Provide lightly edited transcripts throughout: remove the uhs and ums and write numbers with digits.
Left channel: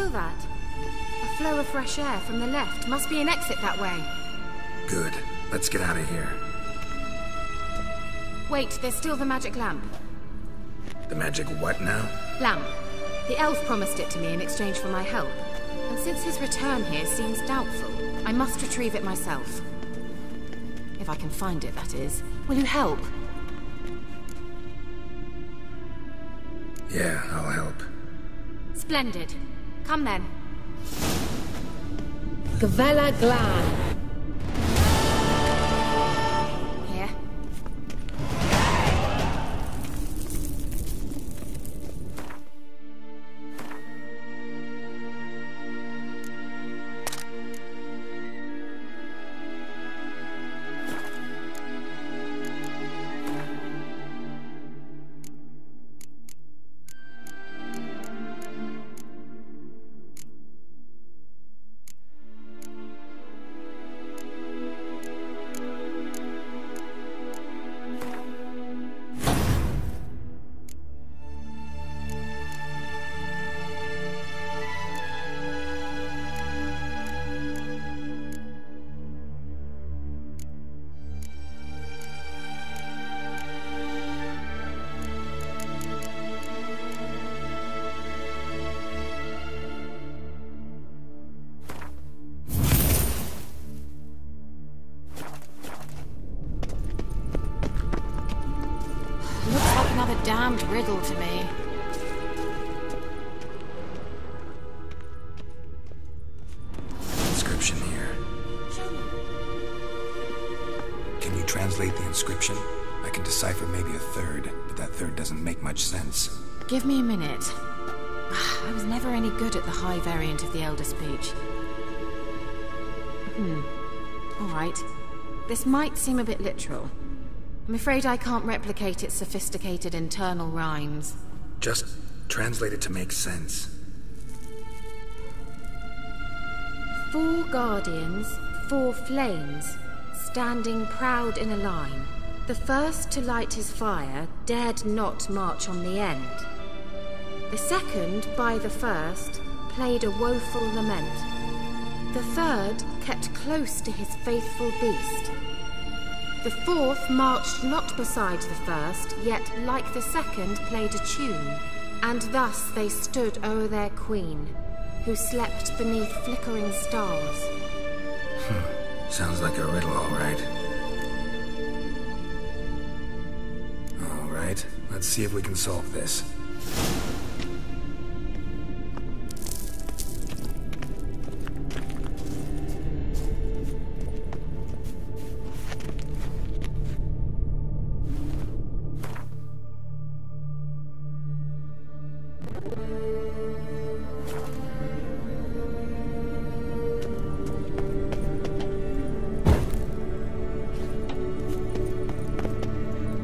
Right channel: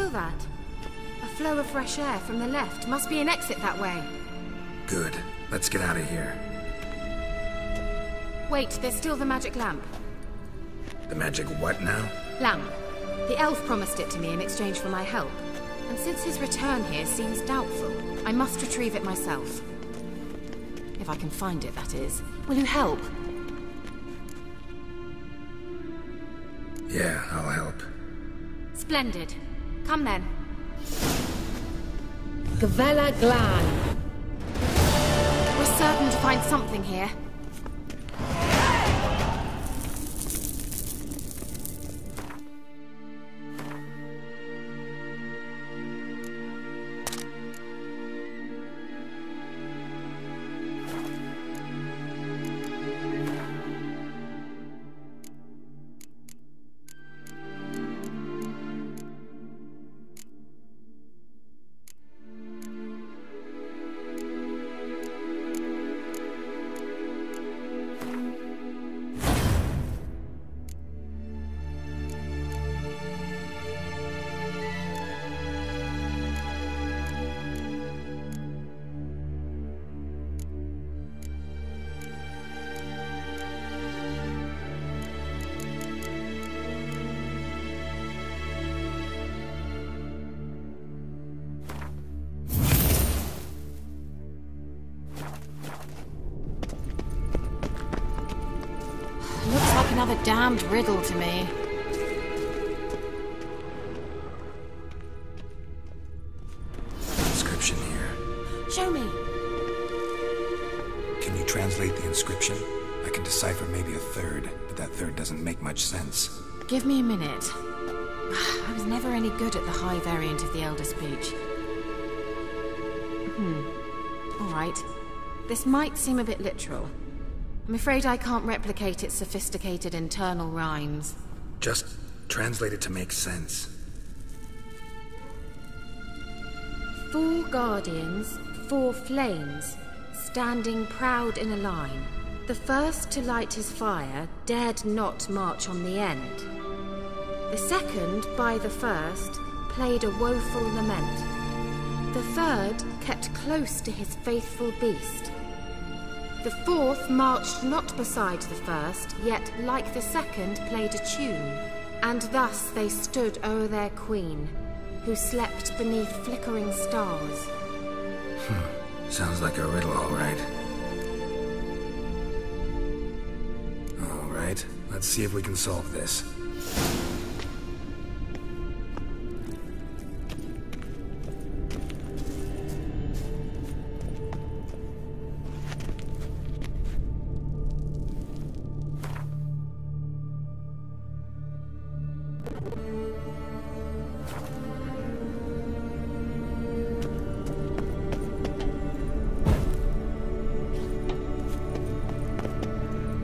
feel that? A flow of fresh air from the left. Must be an exit that way. Good. Let's get out of here. Wait, there's still the magic lamp. The magic what now? Lamp. The elf promised it to me in exchange for my help. And since his return here seems doubtful, I must retrieve it myself. If I can find it, that is. Will you help? Yeah, I'll help. Splendid. Come then. Gvella Glan. We're certain to find something here. Looks like another damned riddle to me. Inscription here. Show me. Can you translate the inscription? I can decipher maybe a third, but that third doesn't make much sense. Give me a minute. I was never any good at the high variant of the Elder Speech. Alright. This might seem a bit literal. I'm afraid I can't replicate its sophisticated internal rhymes. Just translate it to make sense. 4 guardians, 4 flames, standing proud in a line. The first to light his fire dared not march on the end. The second, by the first, played a woeful lament. The third kept close to his faithful beast. The fourth marched not beside the first, yet like the second played a tune. And thus they stood o'er their queen, who slept beneath flickering stars. Sounds like a riddle, all right. All right, let's see if we can solve this.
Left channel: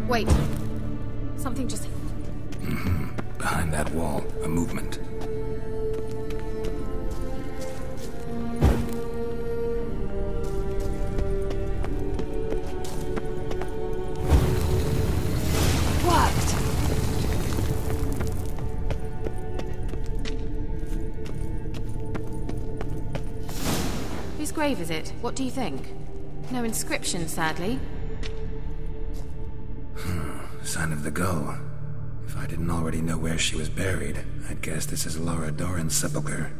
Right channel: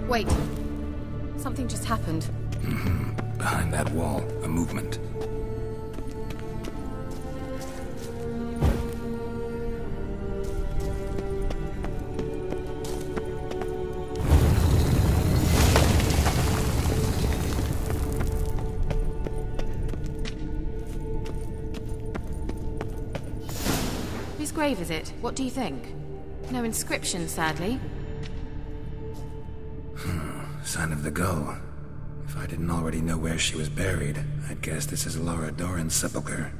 Wait. Something just happened. Behind that wall, a movement. Whose grave is it? What do you think? No inscription, sadly. Sign of the gull. If I didn't already know where she was buried, I'd guess this is Laura Doran's sepulcher.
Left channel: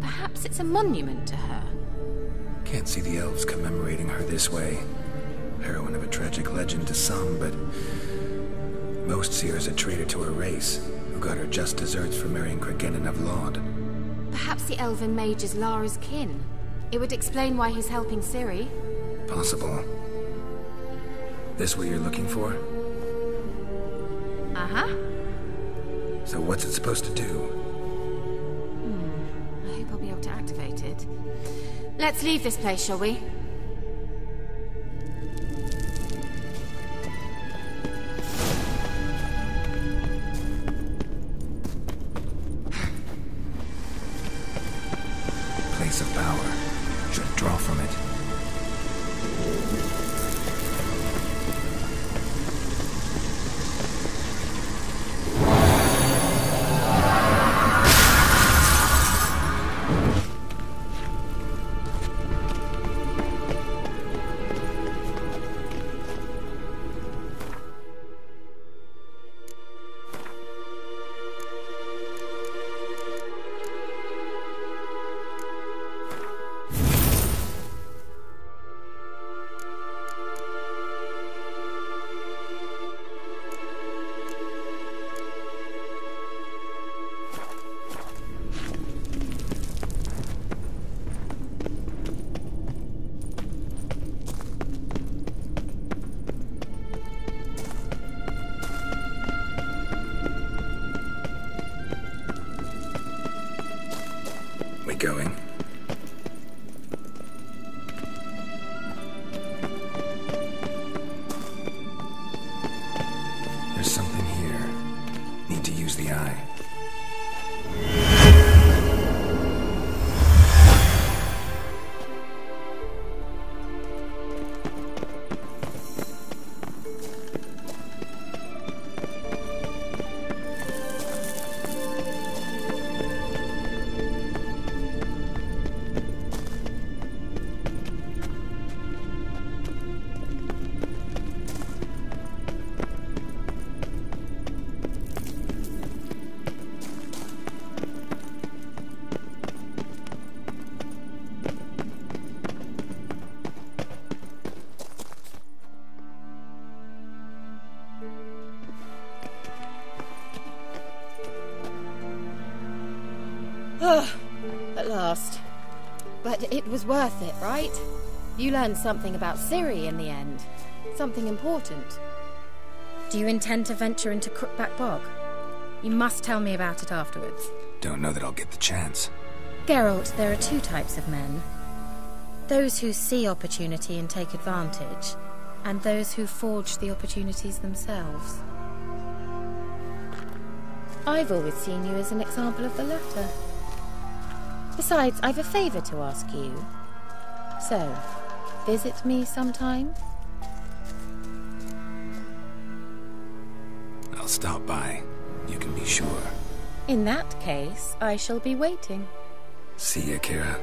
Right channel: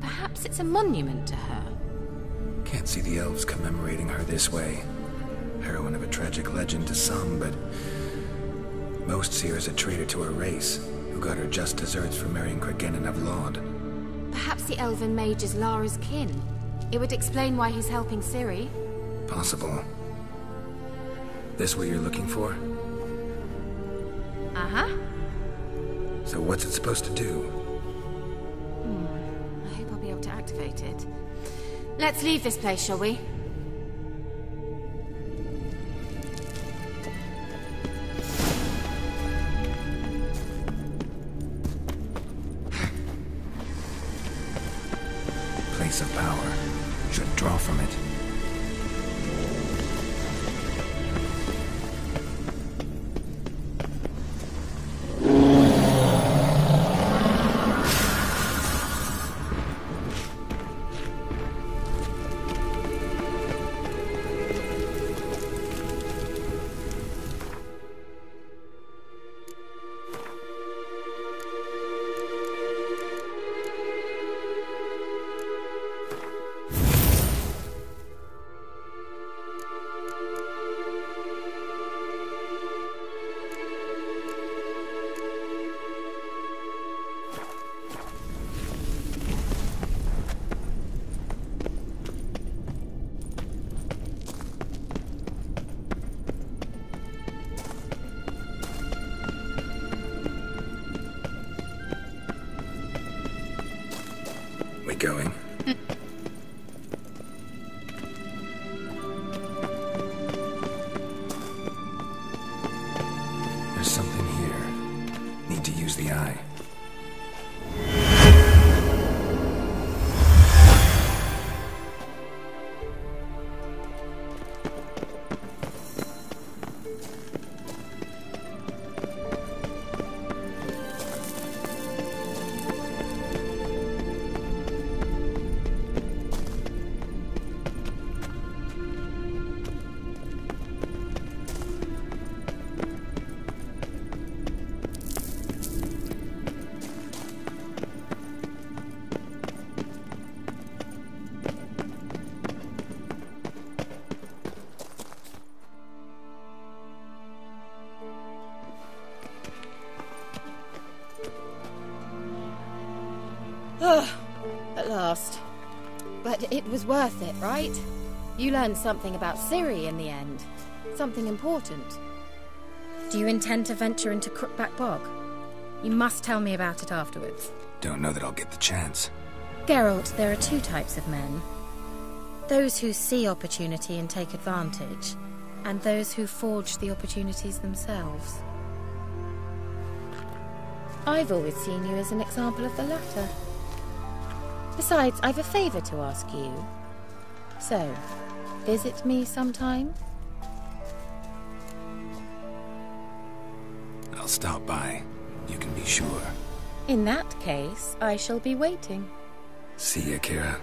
Perhaps it's a monument to her. Can't see the elves commemorating her this way. Heroine of a tragic legend to some, but most see her as a traitor to her race, who got her just deserts for marrying Cregennan of Laud. Perhaps the elven mage is Lara's kin. It would explain why he's helping Ciri. Possible. This what you're looking for? Uh-huh. So what's it supposed to do? I hope I'll be able to activate it. Let's leave this place, shall we? Place of power. Should draw from it. There's something here. Need to use the eye. At last. But it was worth it, right? You learned something about Ciri in the end. Something important. Do you intend to venture into Crookback Bog? You must tell me about it afterwards. Don't know that I'll get the chance. Geralt, there are two types of men. Those who see opportunity and take advantage, and those who forge the opportunities themselves. I've always seen you as an example of the latter. Besides, I've a favour to ask you. So, visit me sometime? I'll stop by. You can be sure. In that case, I shall be waiting. See ya, Kira.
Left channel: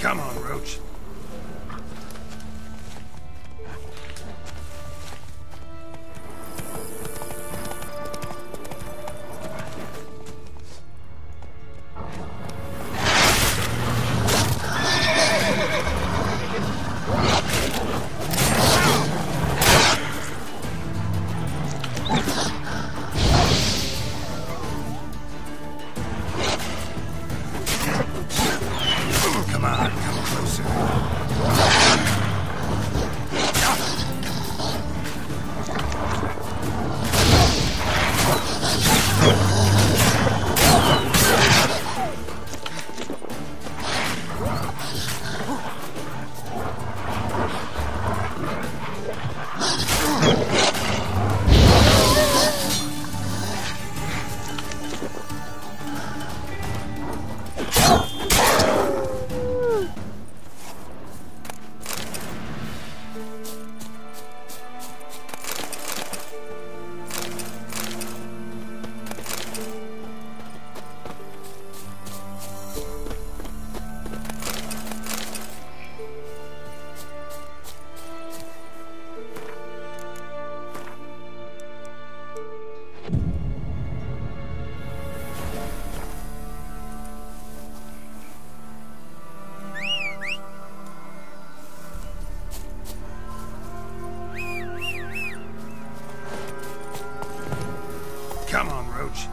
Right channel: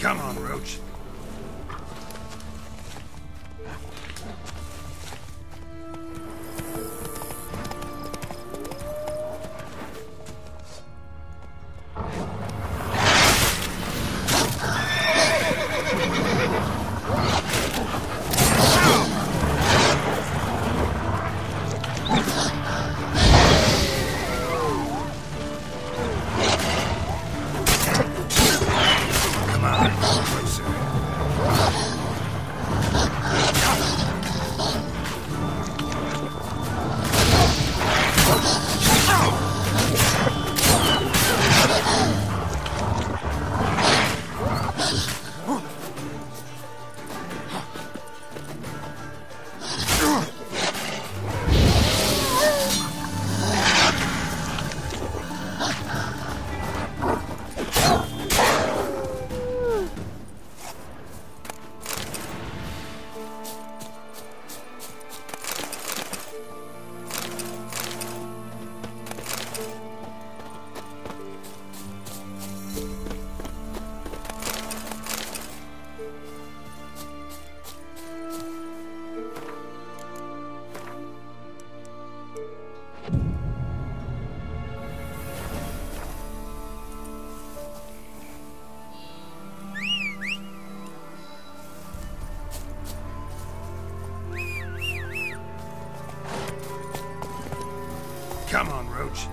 Come on, Roach. Come on, closer. Come on, Roach.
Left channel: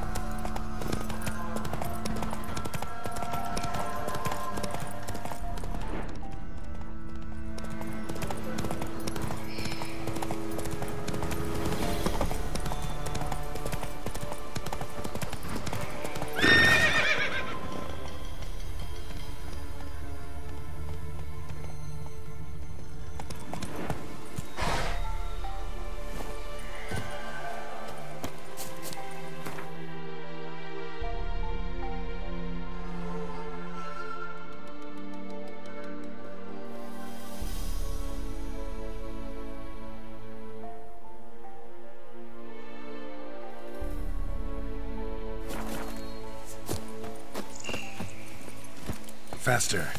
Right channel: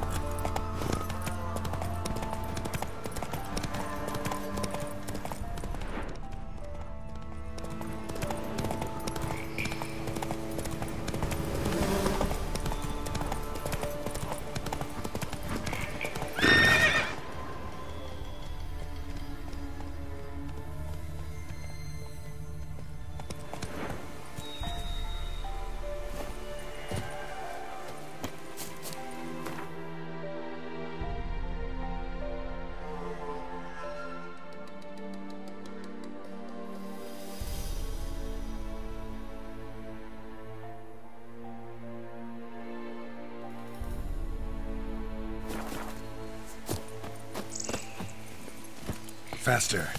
Faster.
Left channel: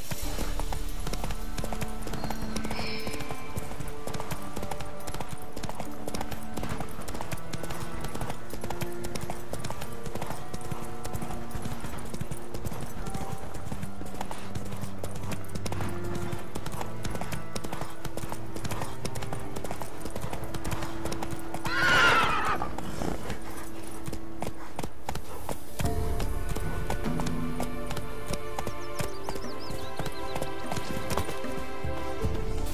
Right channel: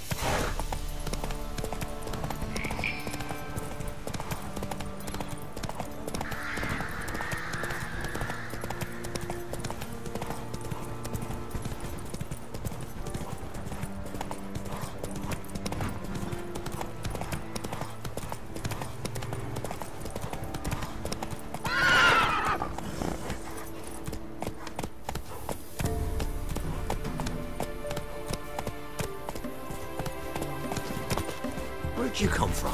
Where'd you come from?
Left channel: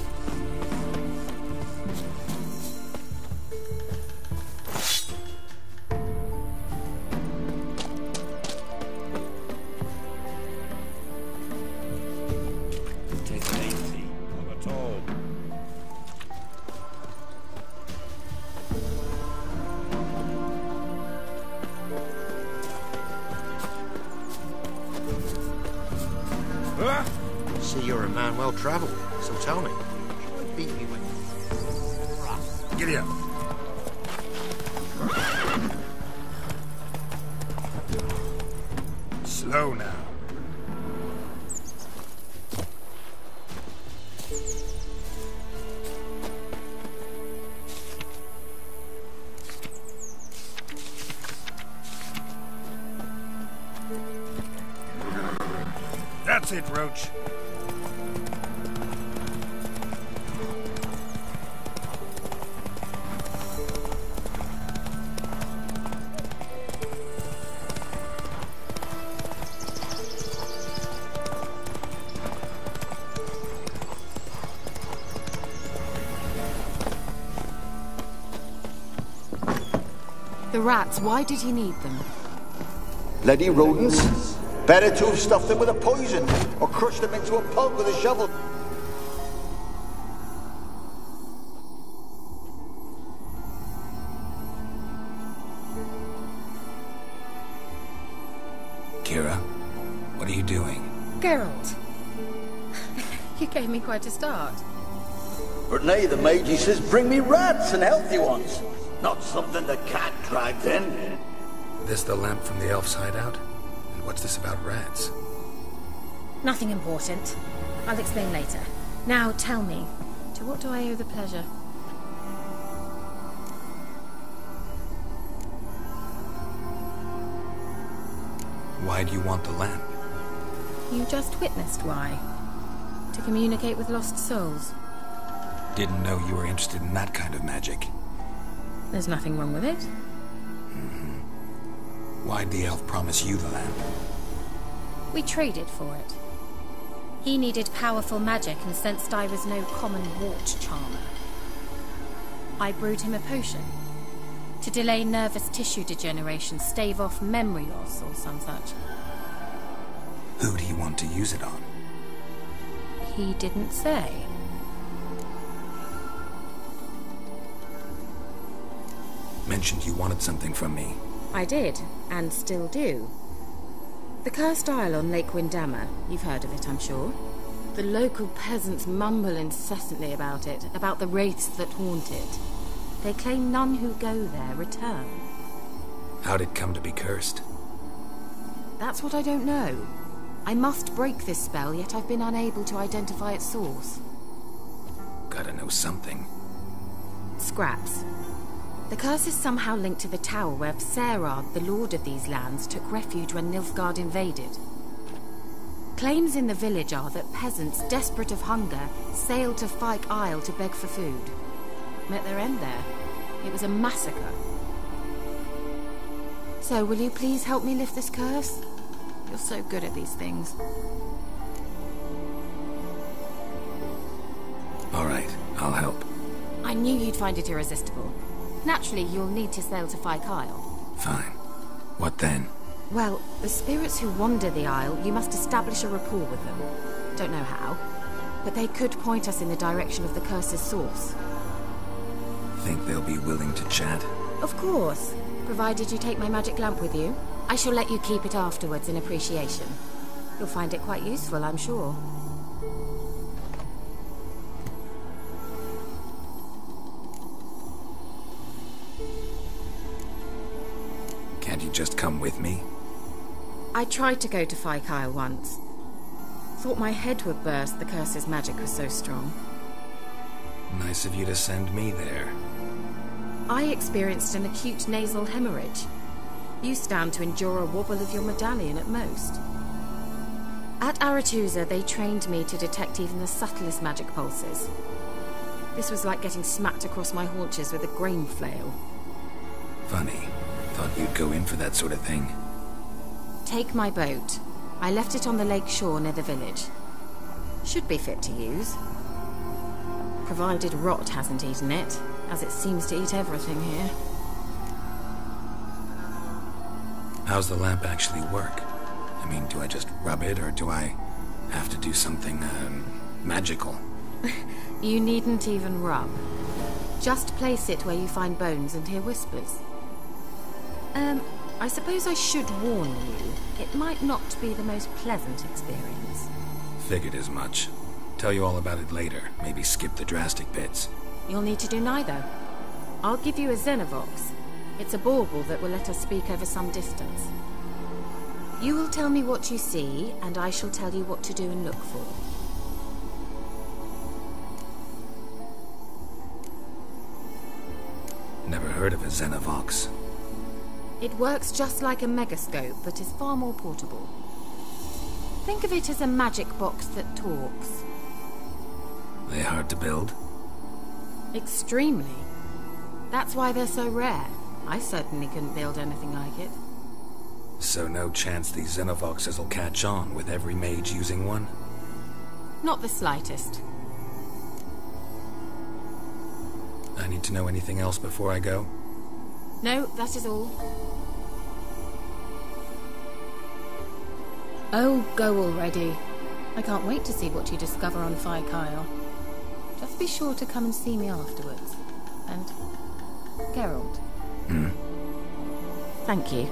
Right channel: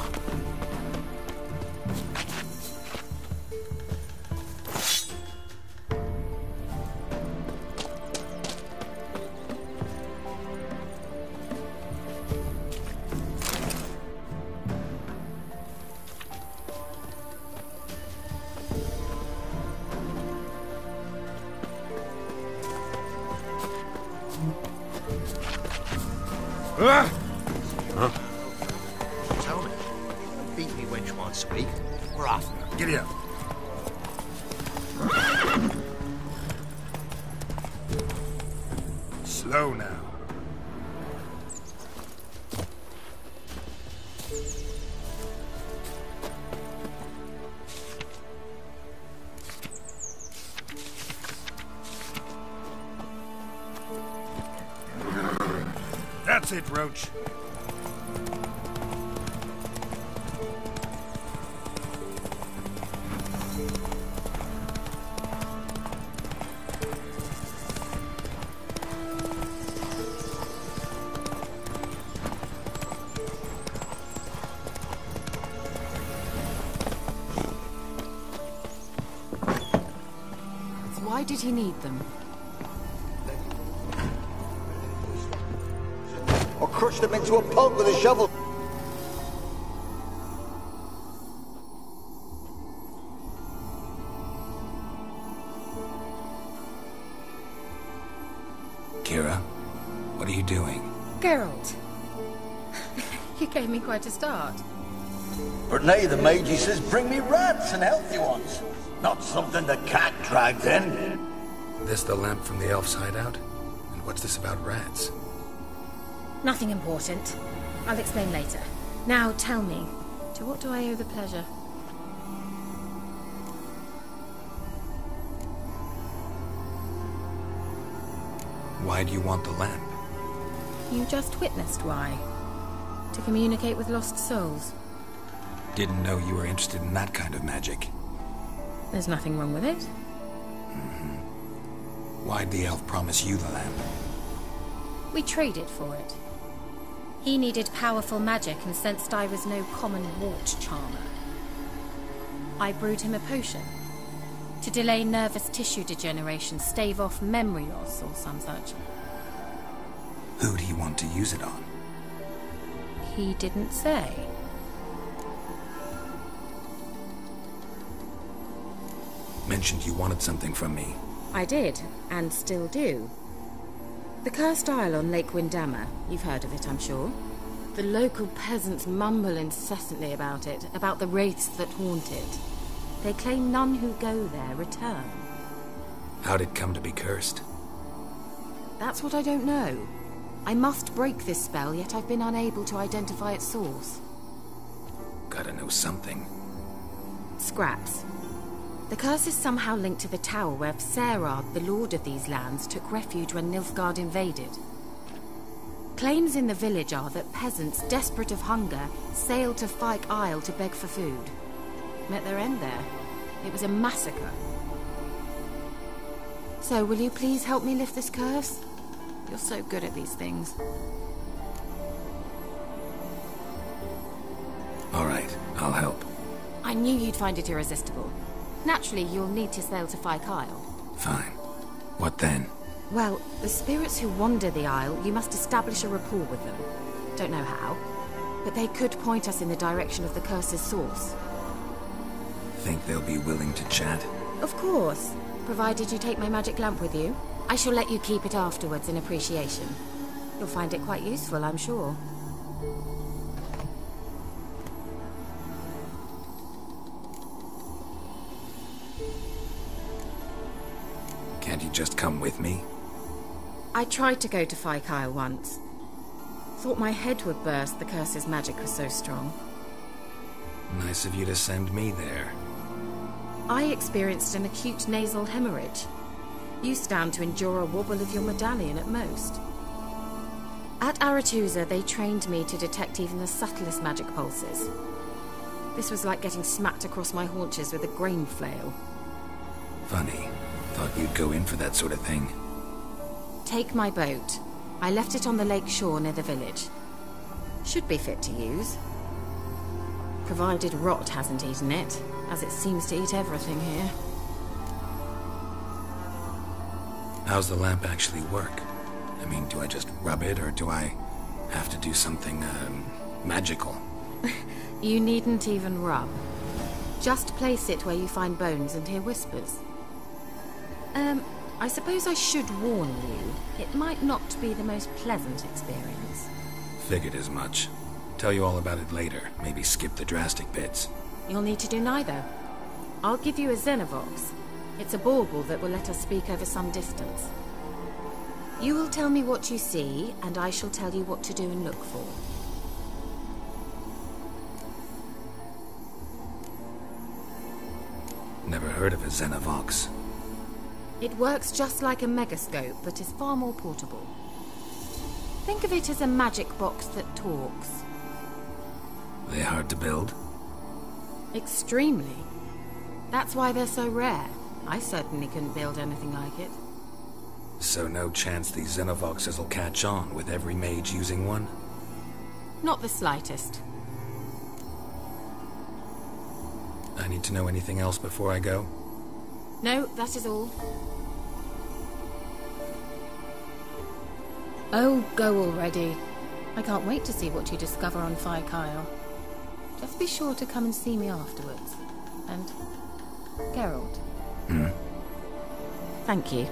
See, you're a man well travelled, so tell me, shall I beat me wench one speak, or after? Giddy up. Slow now. That's it, Roach. The rats, why did he need them? Bloody rodents. Better to have stuffed them with a poison, or crushed them into a pulp with a shovel. Kira, what are you doing? Geralt. You gave me quite a start. But nay, the mage, he says, bring me rats and healthy ones. Not something the cat dragged in. This the lamp from the elf's hideout? And what's this about rats? Nothing important. I'll explain later. Now tell me, to what do I owe the pleasure? Why do you want the lamp? You just witnessed why. To communicate with lost souls. Didn't know you were interested in that kind of magic. There's nothing wrong with it. Why'd the elf promise you the lamp? We traded for it. He needed powerful magic and sensed I was no common wart charmer. I brewed him a potion. To delay nervous tissue degeneration, stave off memory loss or some such. Who'd he want to use it on? He didn't say. Mentioned you wanted something from me. I did, and still do. The cursed isle on Lake Windammer. You've heard of it, I'm sure. The local peasants mumble incessantly about it, about the wraiths that haunt it. They claim none who go there return. How'd it come to be cursed? That's what I don't know. I must break this spell, yet I've been unable to identify its source. Gotta know something. Scraps. The curse is somehow linked to the tower where Serard, the lord of these lands, took refuge when Nilfgaard invaded. Claims in the village are that peasants, desperate of hunger, sailed to Fyke Isle to beg for food. Met their end there. It was a massacre. So, will you please help me lift this curse? You're so good at these things. All right, I'll help. I knew you'd find it irresistible. Naturally, you'll need to sail to Kyle. Fine. What then? Well, the spirits who wander the Isle, you must establish a rapport with them. Don't know how, but they could point us in the direction of the curse's source. Think they'll be willing to chat? Of course, provided you take my magic lamp with you. I shall let you keep it afterwards in appreciation. You'll find it quite useful, I'm sure. Can't you just come with me? I tried to go to Kyle once. Thought my head would burst, the curse's magic was so strong. Nice of you to send me there. I experienced an acute nasal hemorrhage. You stand to endure a wobble of your medallion at most. At Aretusa, they trained me to detect even the subtlest magic pulses. This was like getting smacked across my haunches with a grain flail. Funny. Thought you'd go in for that sort of thing. Take my boat. I left it on the lake shore near the village. Should be fit to use. Provided rot hasn't eaten it, as it seems to eat everything here. How's the lamp actually work? I mean, do I just rub it, or do I have to do something, magical? You needn't even rub. Just place it where you find bones and hear whispers. I suppose I should warn you. It might not be the most pleasant experience. Figured as much. Tell you all about it later. Maybe skip the drastic bits. You'll need to do neither. I'll give you a Xenovox. It's a bauble that will let us speak over some distance. You will tell me what you see, and I shall tell you what to do and look for. Never heard of a Xenovox. It works just like a megascope, but is far more portable. Think of it as a magic box that talks. They hard to build? Extremely. That's why they're so rare. I certainly couldn't build anything like it. So no chance these Xenovoxes will catch on with every mage using one? Not the slightest. I need to know anything else before I go? No, that is all. Oh, go already. I can't wait to see what you discover on Kyle. Just be sure to come and see me afterwards. And Geralt. Thank you.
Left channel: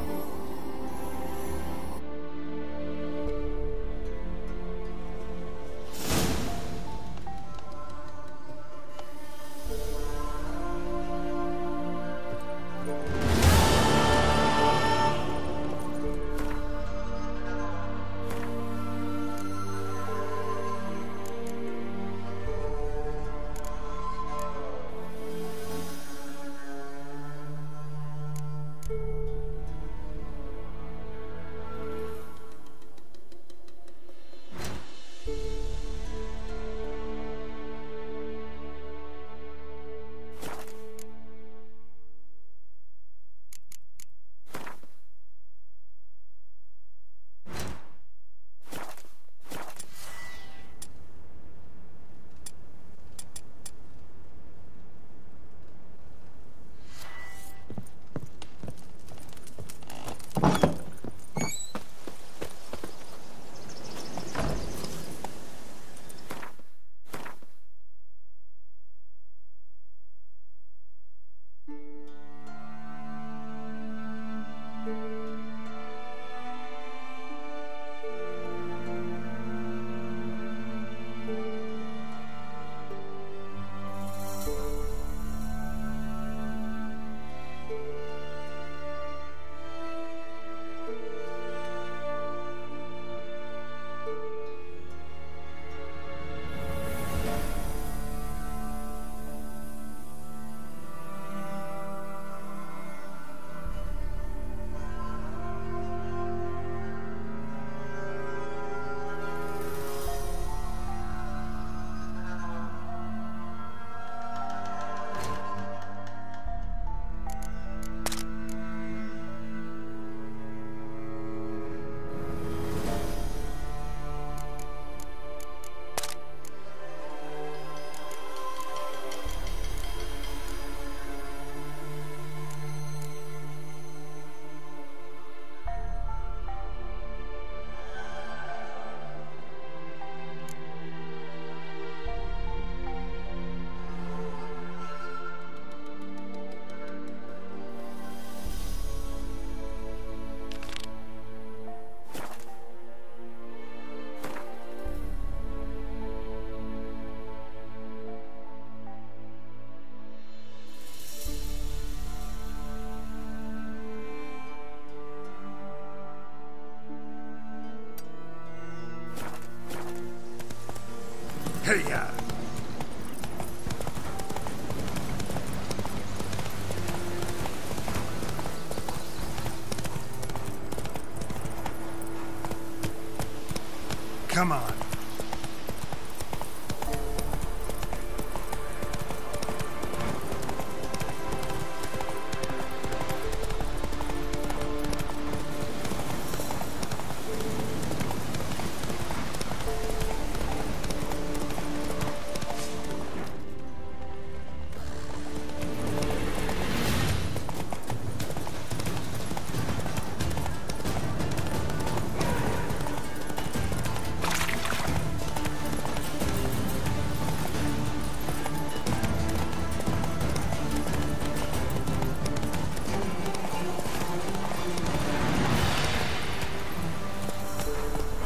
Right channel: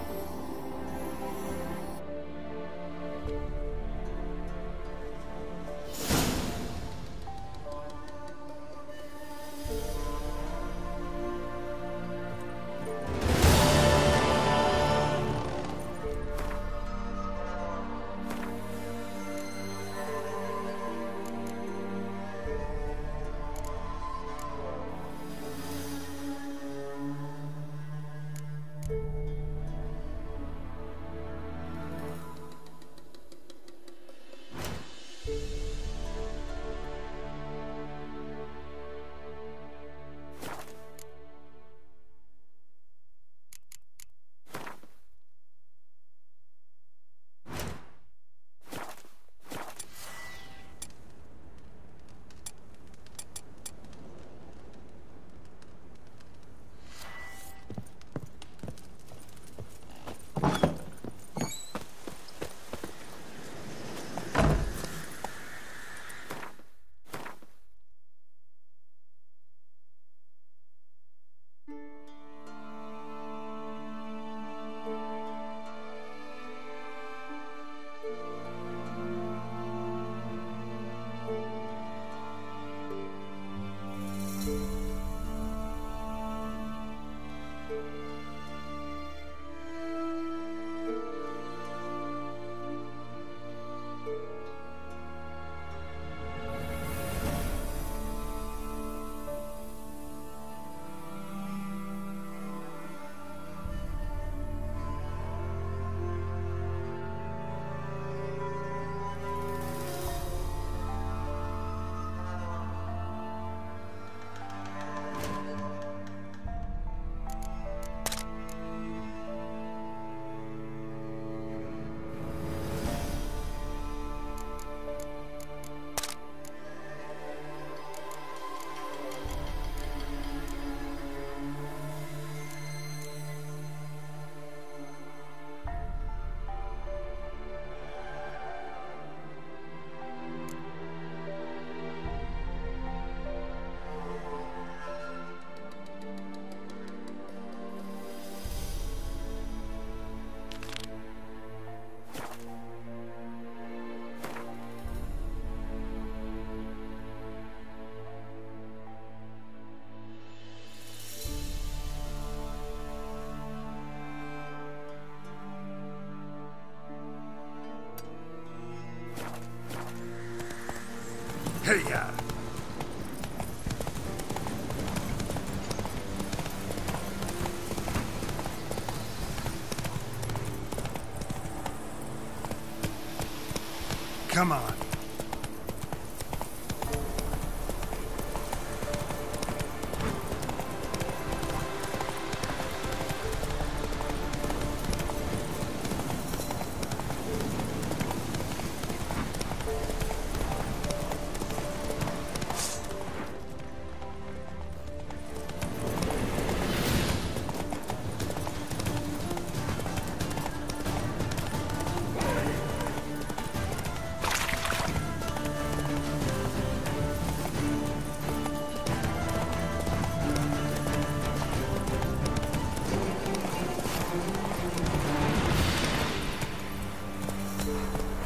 Hiya! Come on.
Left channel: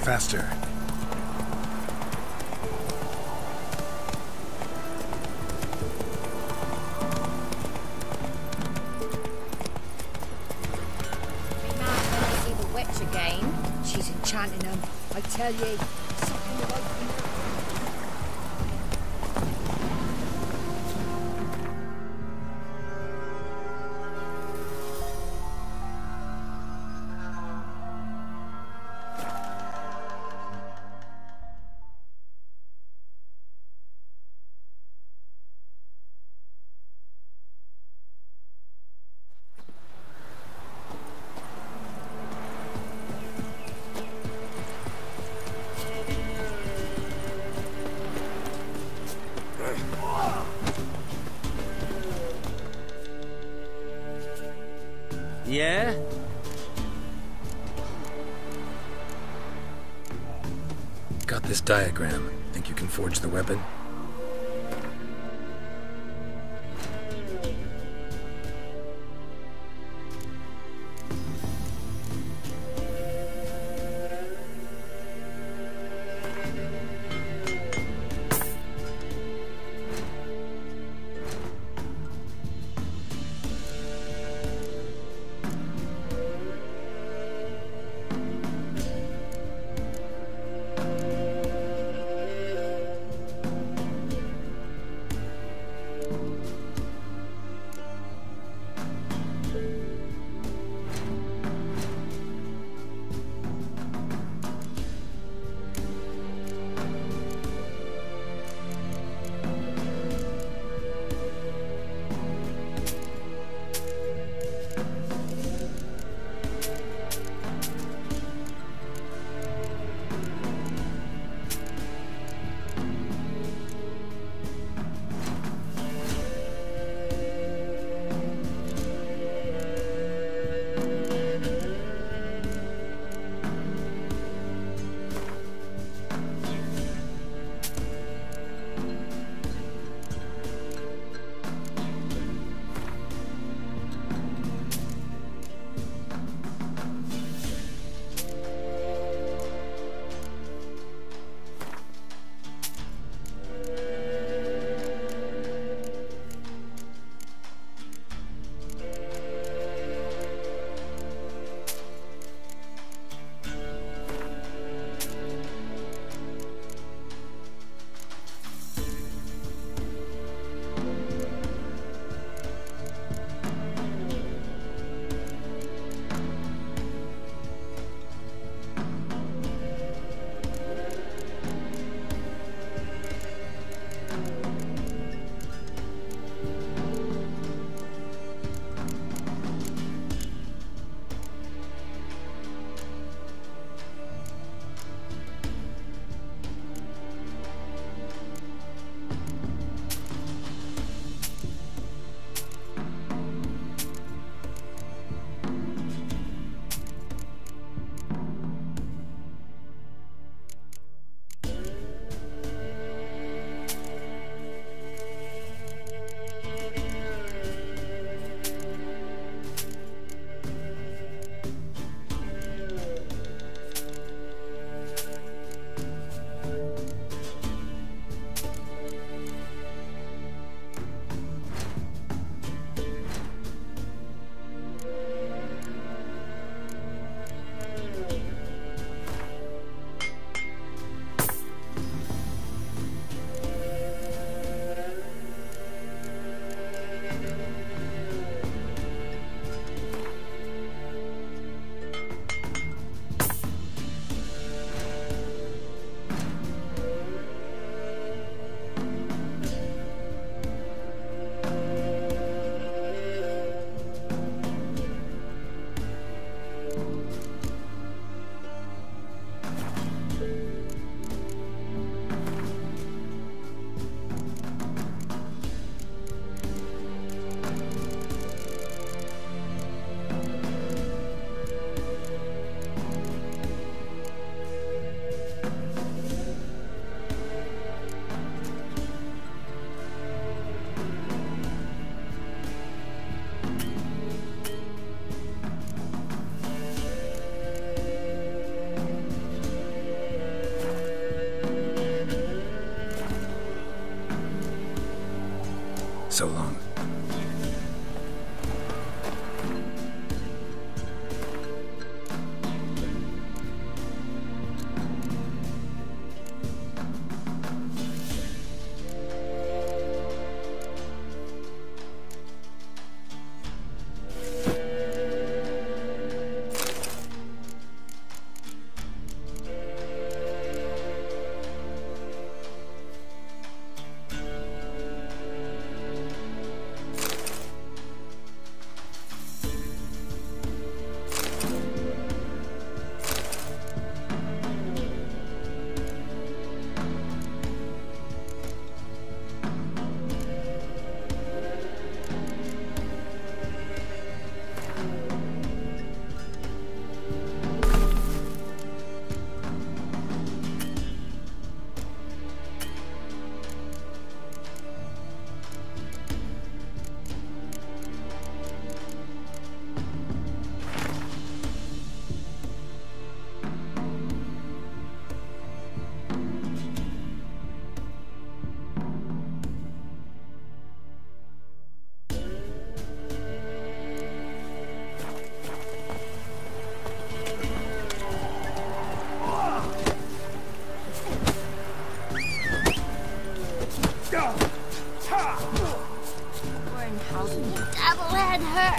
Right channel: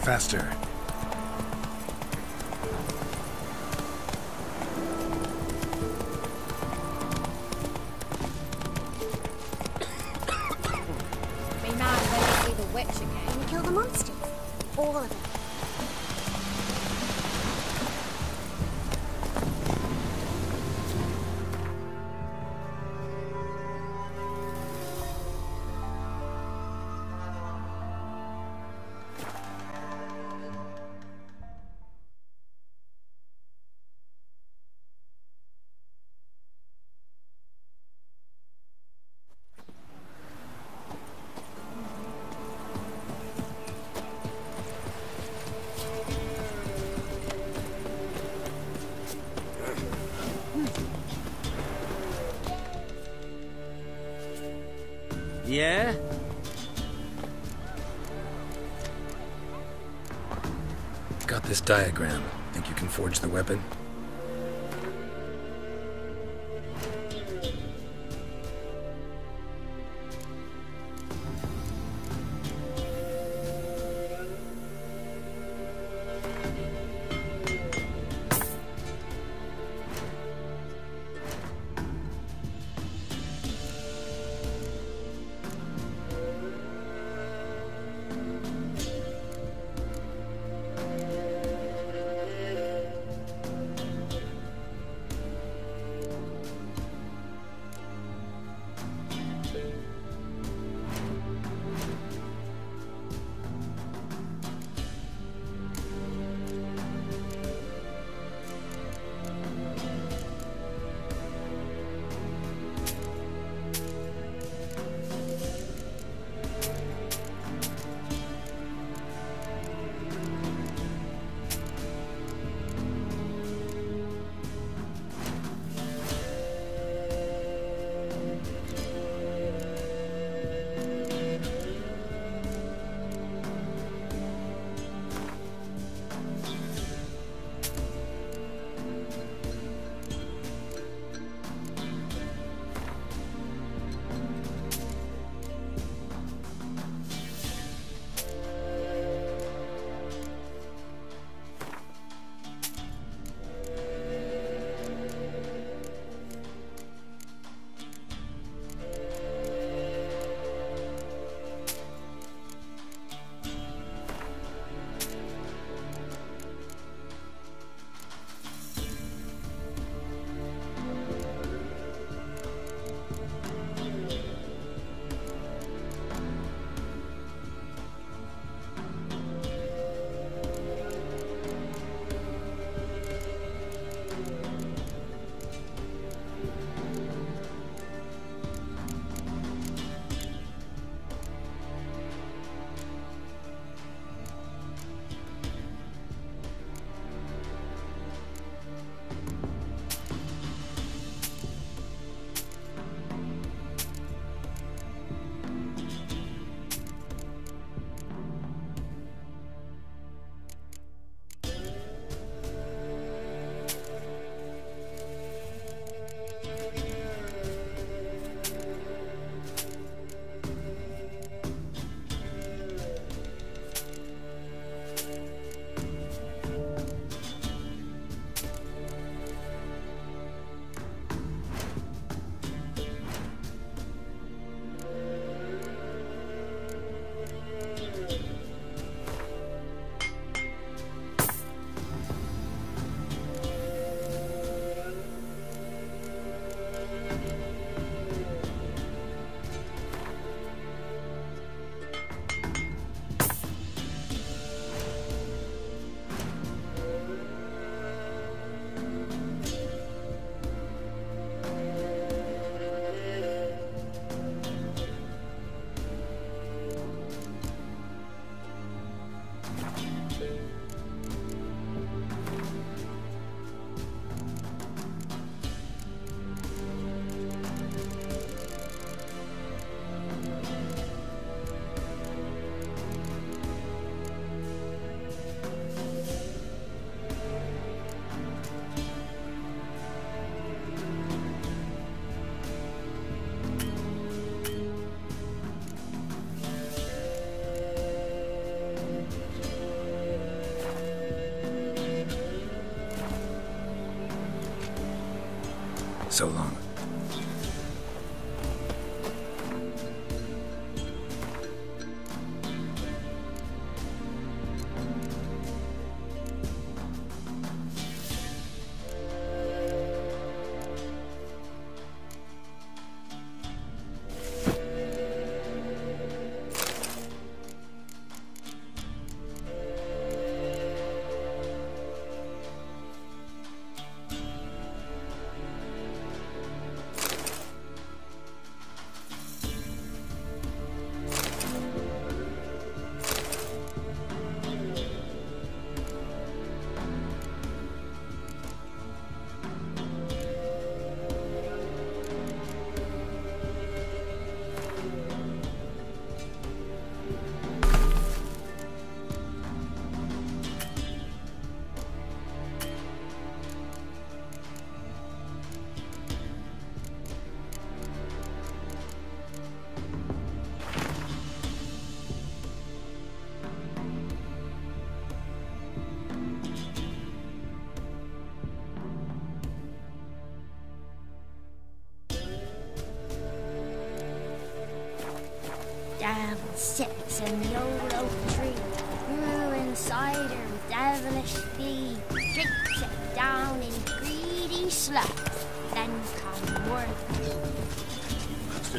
Faster. Me man, when I see the witch again, you're the monster. She's chanting her. I tell you. Yeah? Got this diagram. Think you can forge the weapon?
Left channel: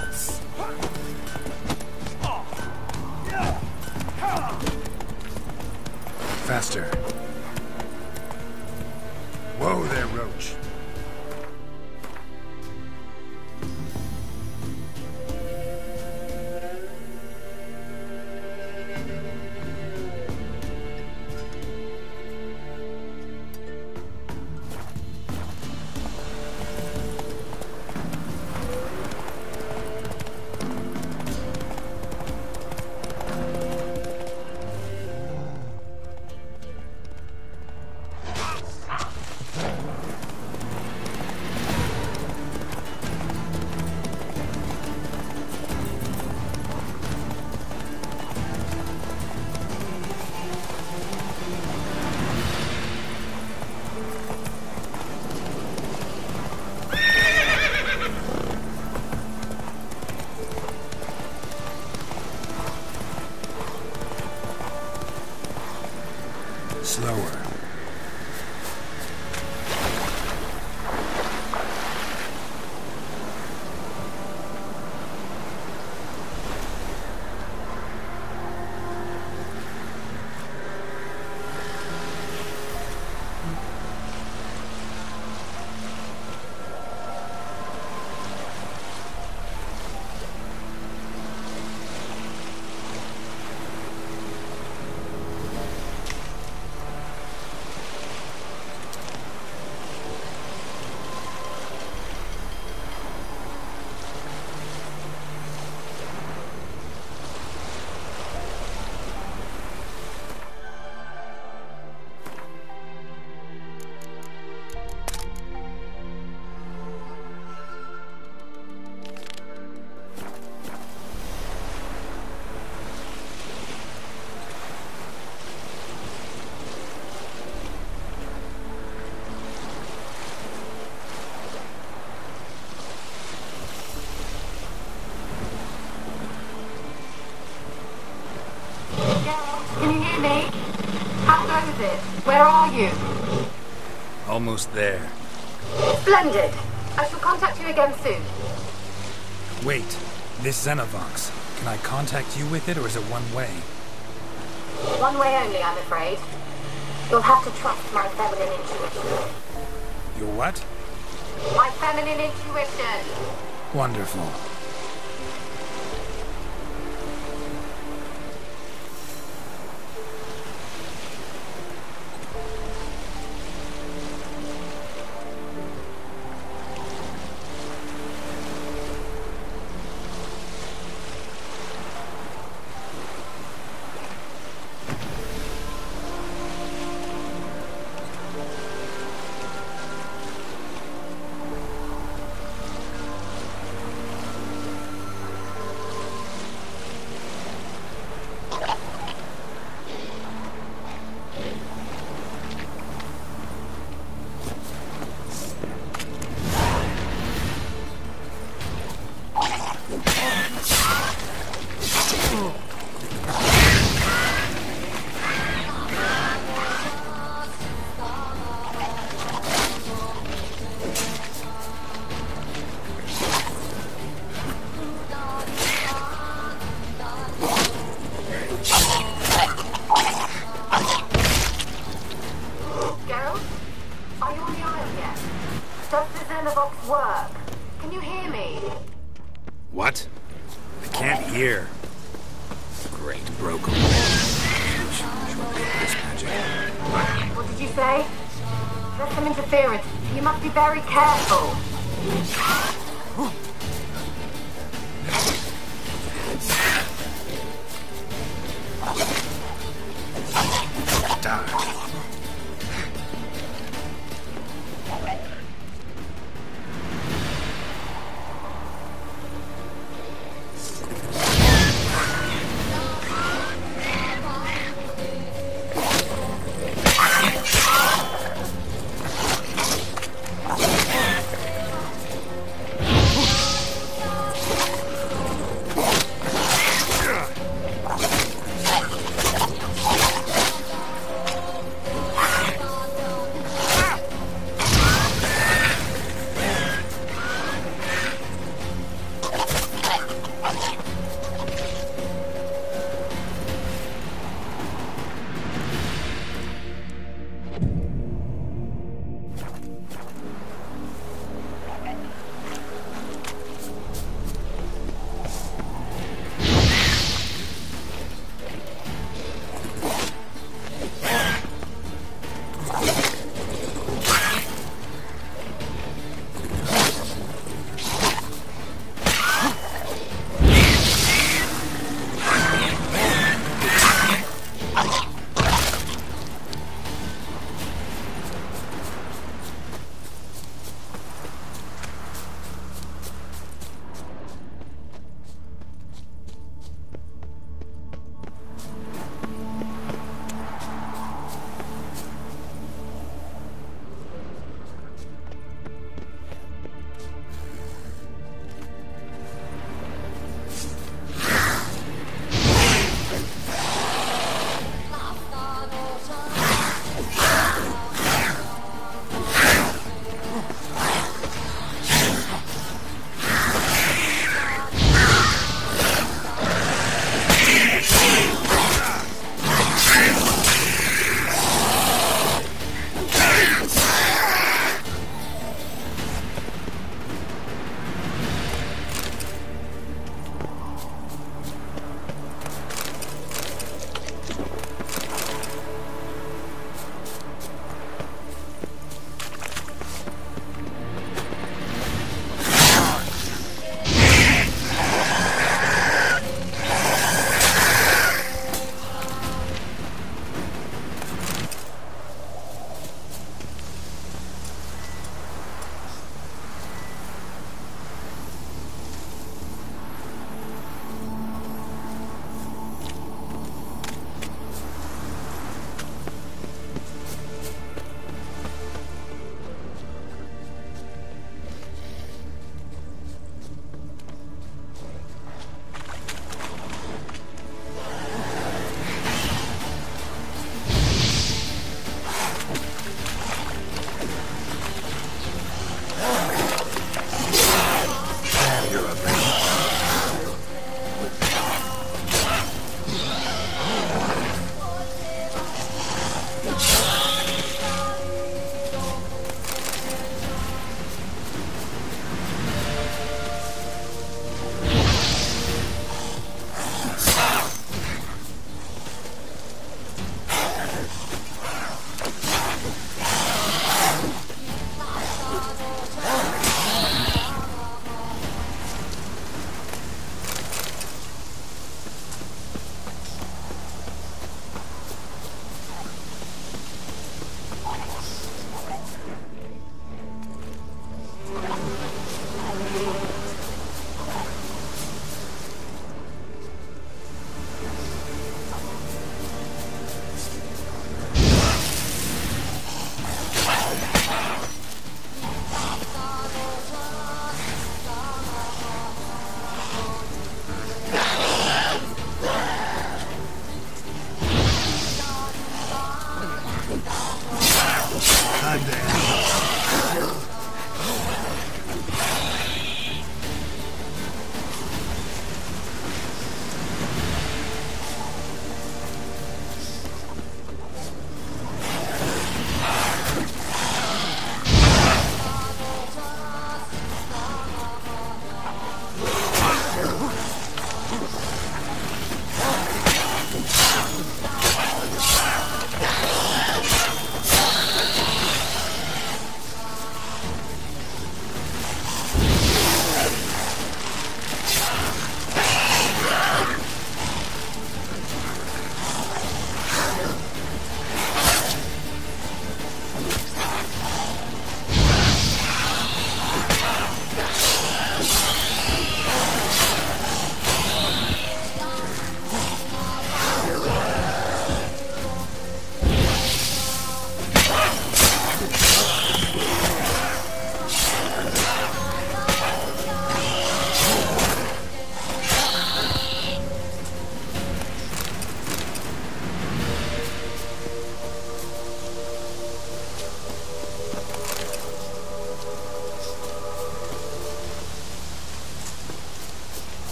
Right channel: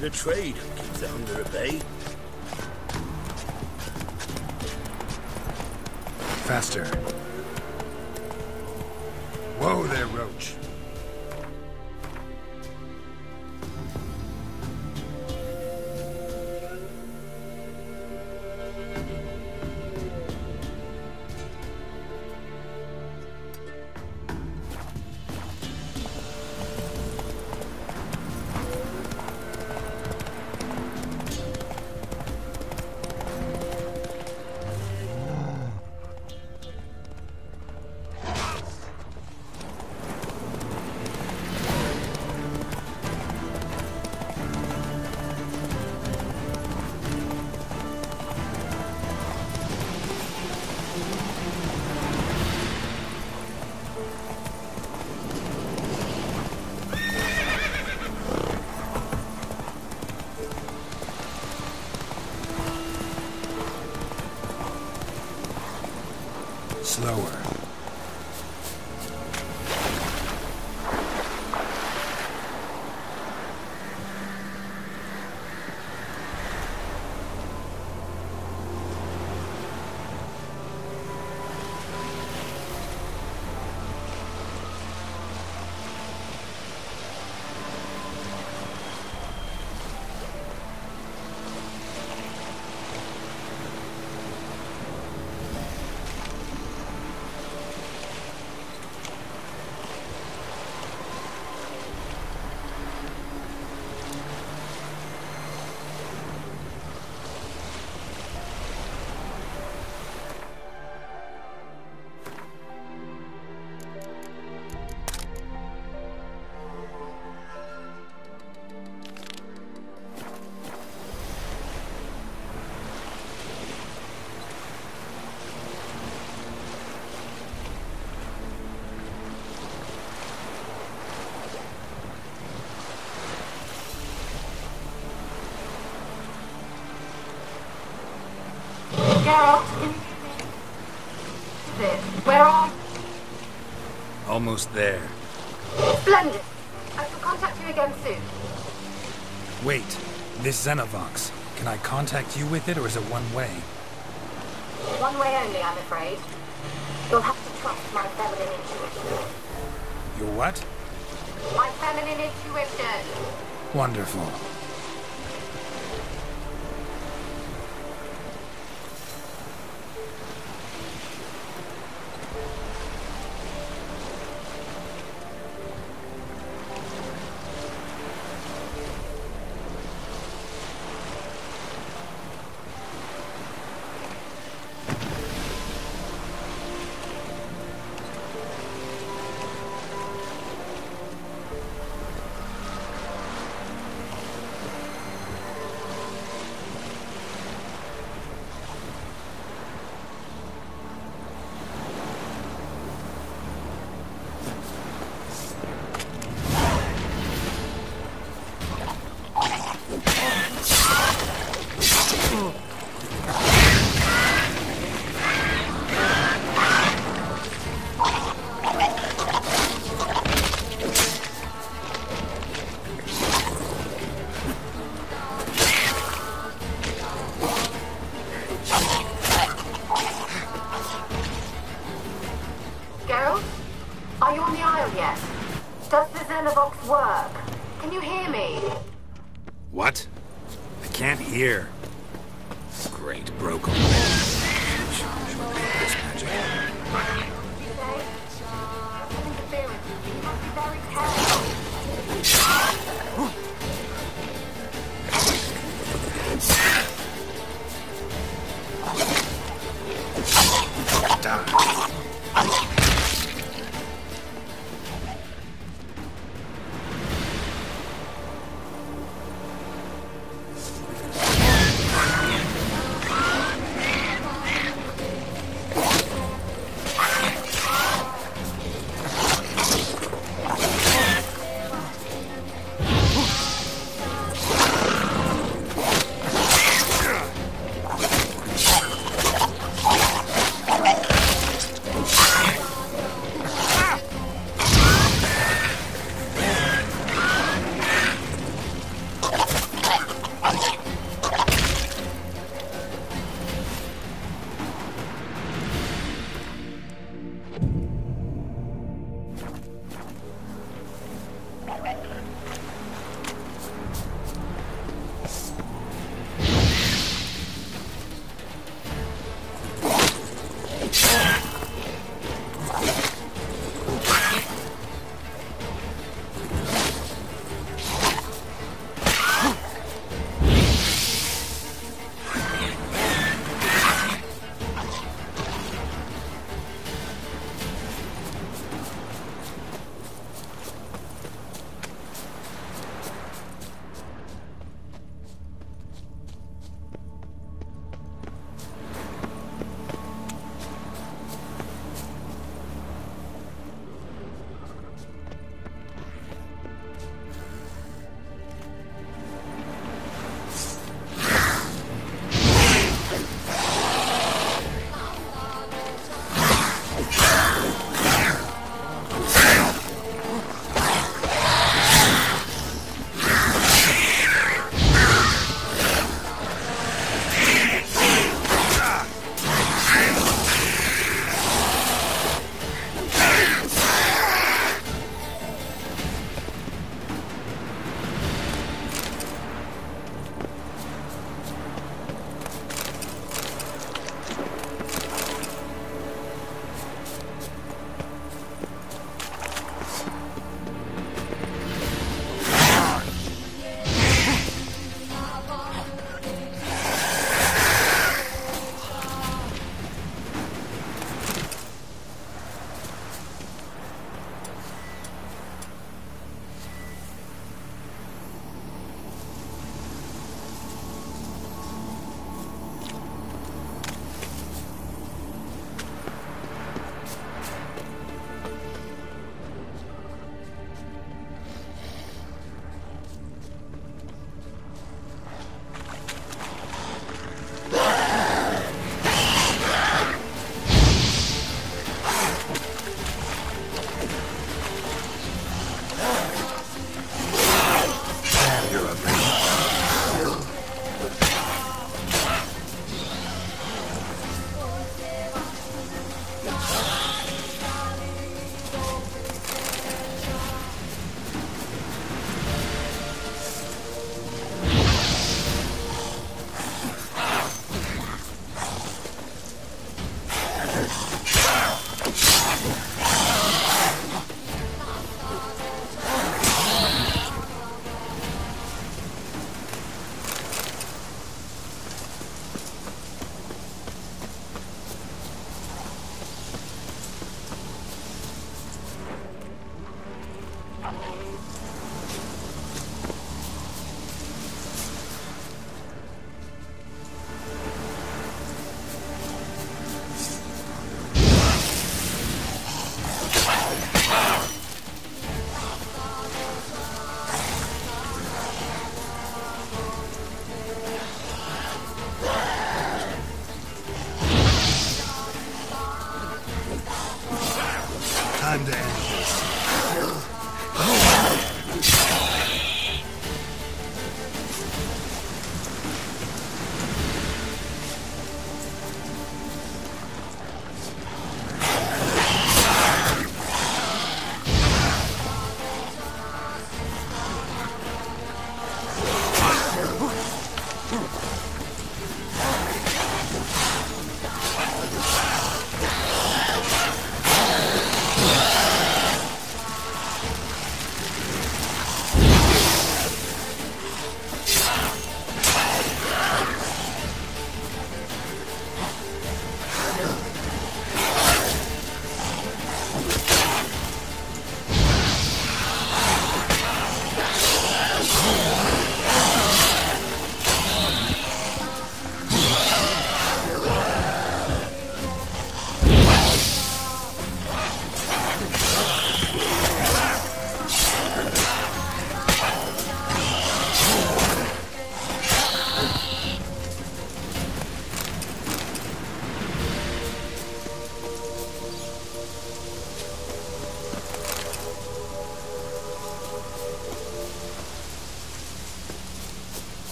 The trade keeps them at bay. Faster. Whoa there, Roach. Slower. Geralt, can you hear me? How goes it? Where are you? Almost there. Splendid. I shall contact you again soon. Wait, this Xenovox. Can I contact you with it, or is it one way? One way only, I'm afraid. You'll have to trust my feminine intuition. Your what? My feminine intuition. Wonderful. Does the Xenovox work? Can you hear me? What? I can't hear. Great, broke away. This magic. What did you say? There's some interference. You must be very careful. Die.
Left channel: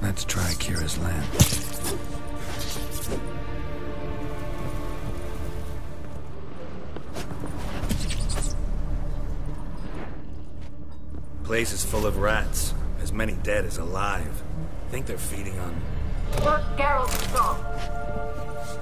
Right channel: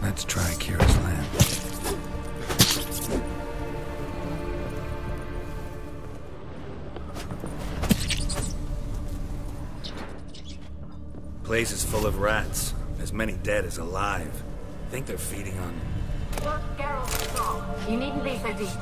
Let's try Kira's lamp. Place is full of rats. As many dead as alive. Think they're feeding on... Look, Geralt, stop. You needn't leave the details.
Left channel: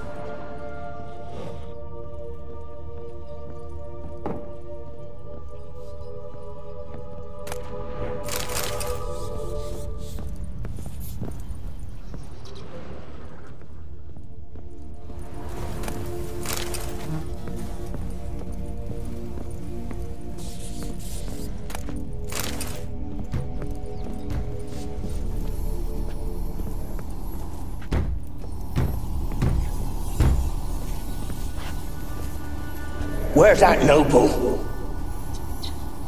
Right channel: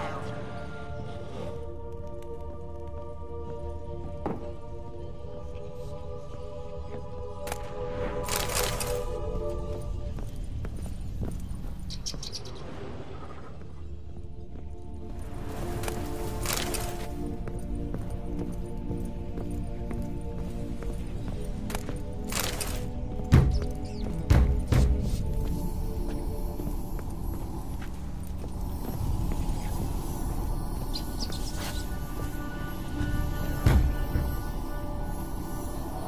Where's that noble?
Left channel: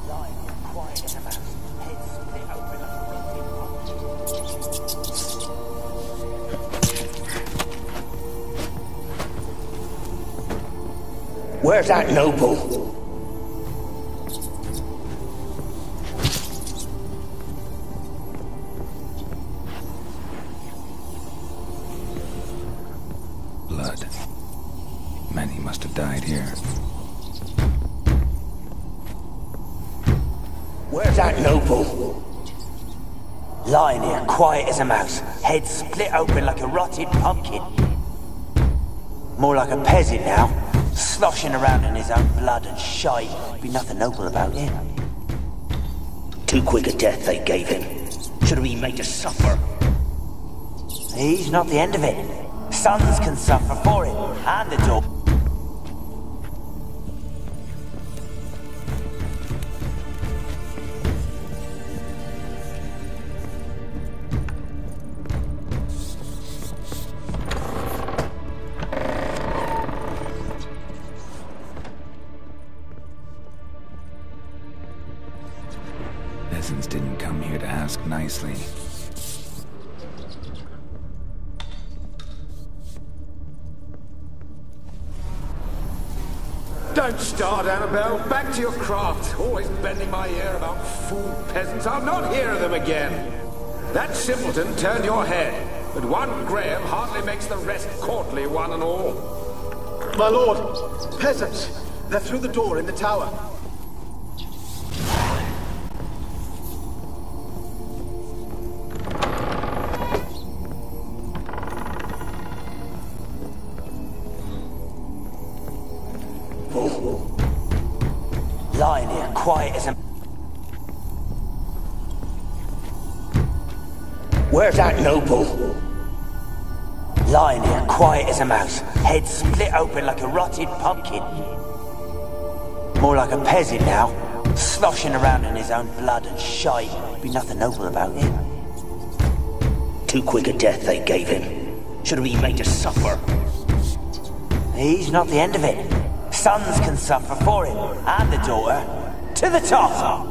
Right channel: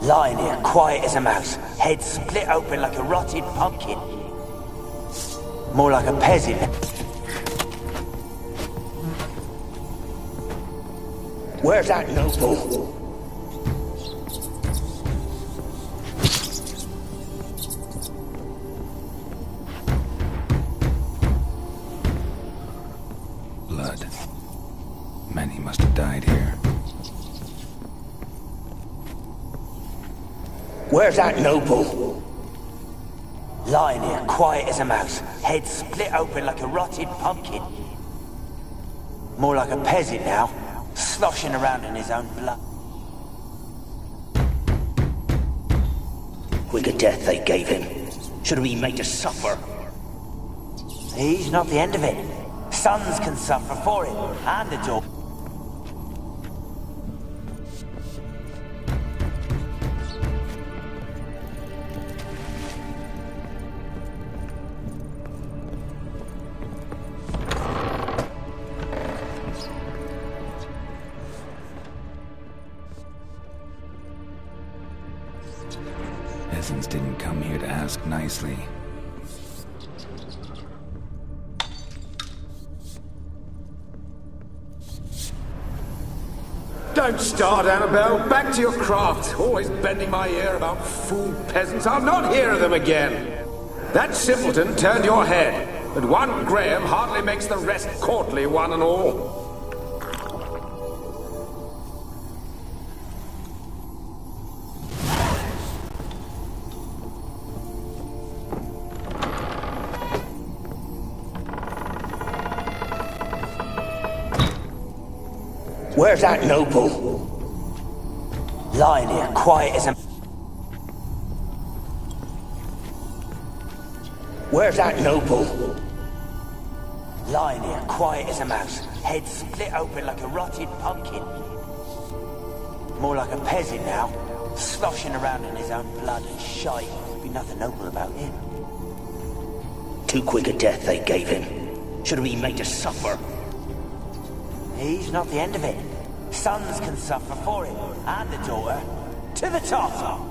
Lying here, quiet as a mouse, head split open like a rotted pumpkin. More like a peasant. Where's that noble? Blood. Many must have died here. Where's that noble? Lying here, quiet as a mouse, head split open like a rotted pumpkin. More like a peasant now, sloshing around in his own blood and shite. Be nothing noble about him. Too quick a death they gave him. Should have been made to suffer. He's not the end of it. Sons can suffer for it, and the daughter. Peasants didn't come here to ask nicely. Don't start, Annabelle. Back to your craft. Always bending my ear about fool peasants. I'll not hear of them again. That simpleton turned your head, but one Graham hardly makes the rest courtly, one and all. My lord, peasants. They're through the door in the tower. Where's that noble? Lying here, quiet as a... Where's that noble? Lying here, quiet as a mouse, head split open like a rotted pumpkin. More like a peasant now, sloshing around in his own blood and shite. Be nothing noble about him. Too quick a death they gave him. Should have been made to suffer. He's not the end of it. Sons can suffer for it, and the daughter. To the top!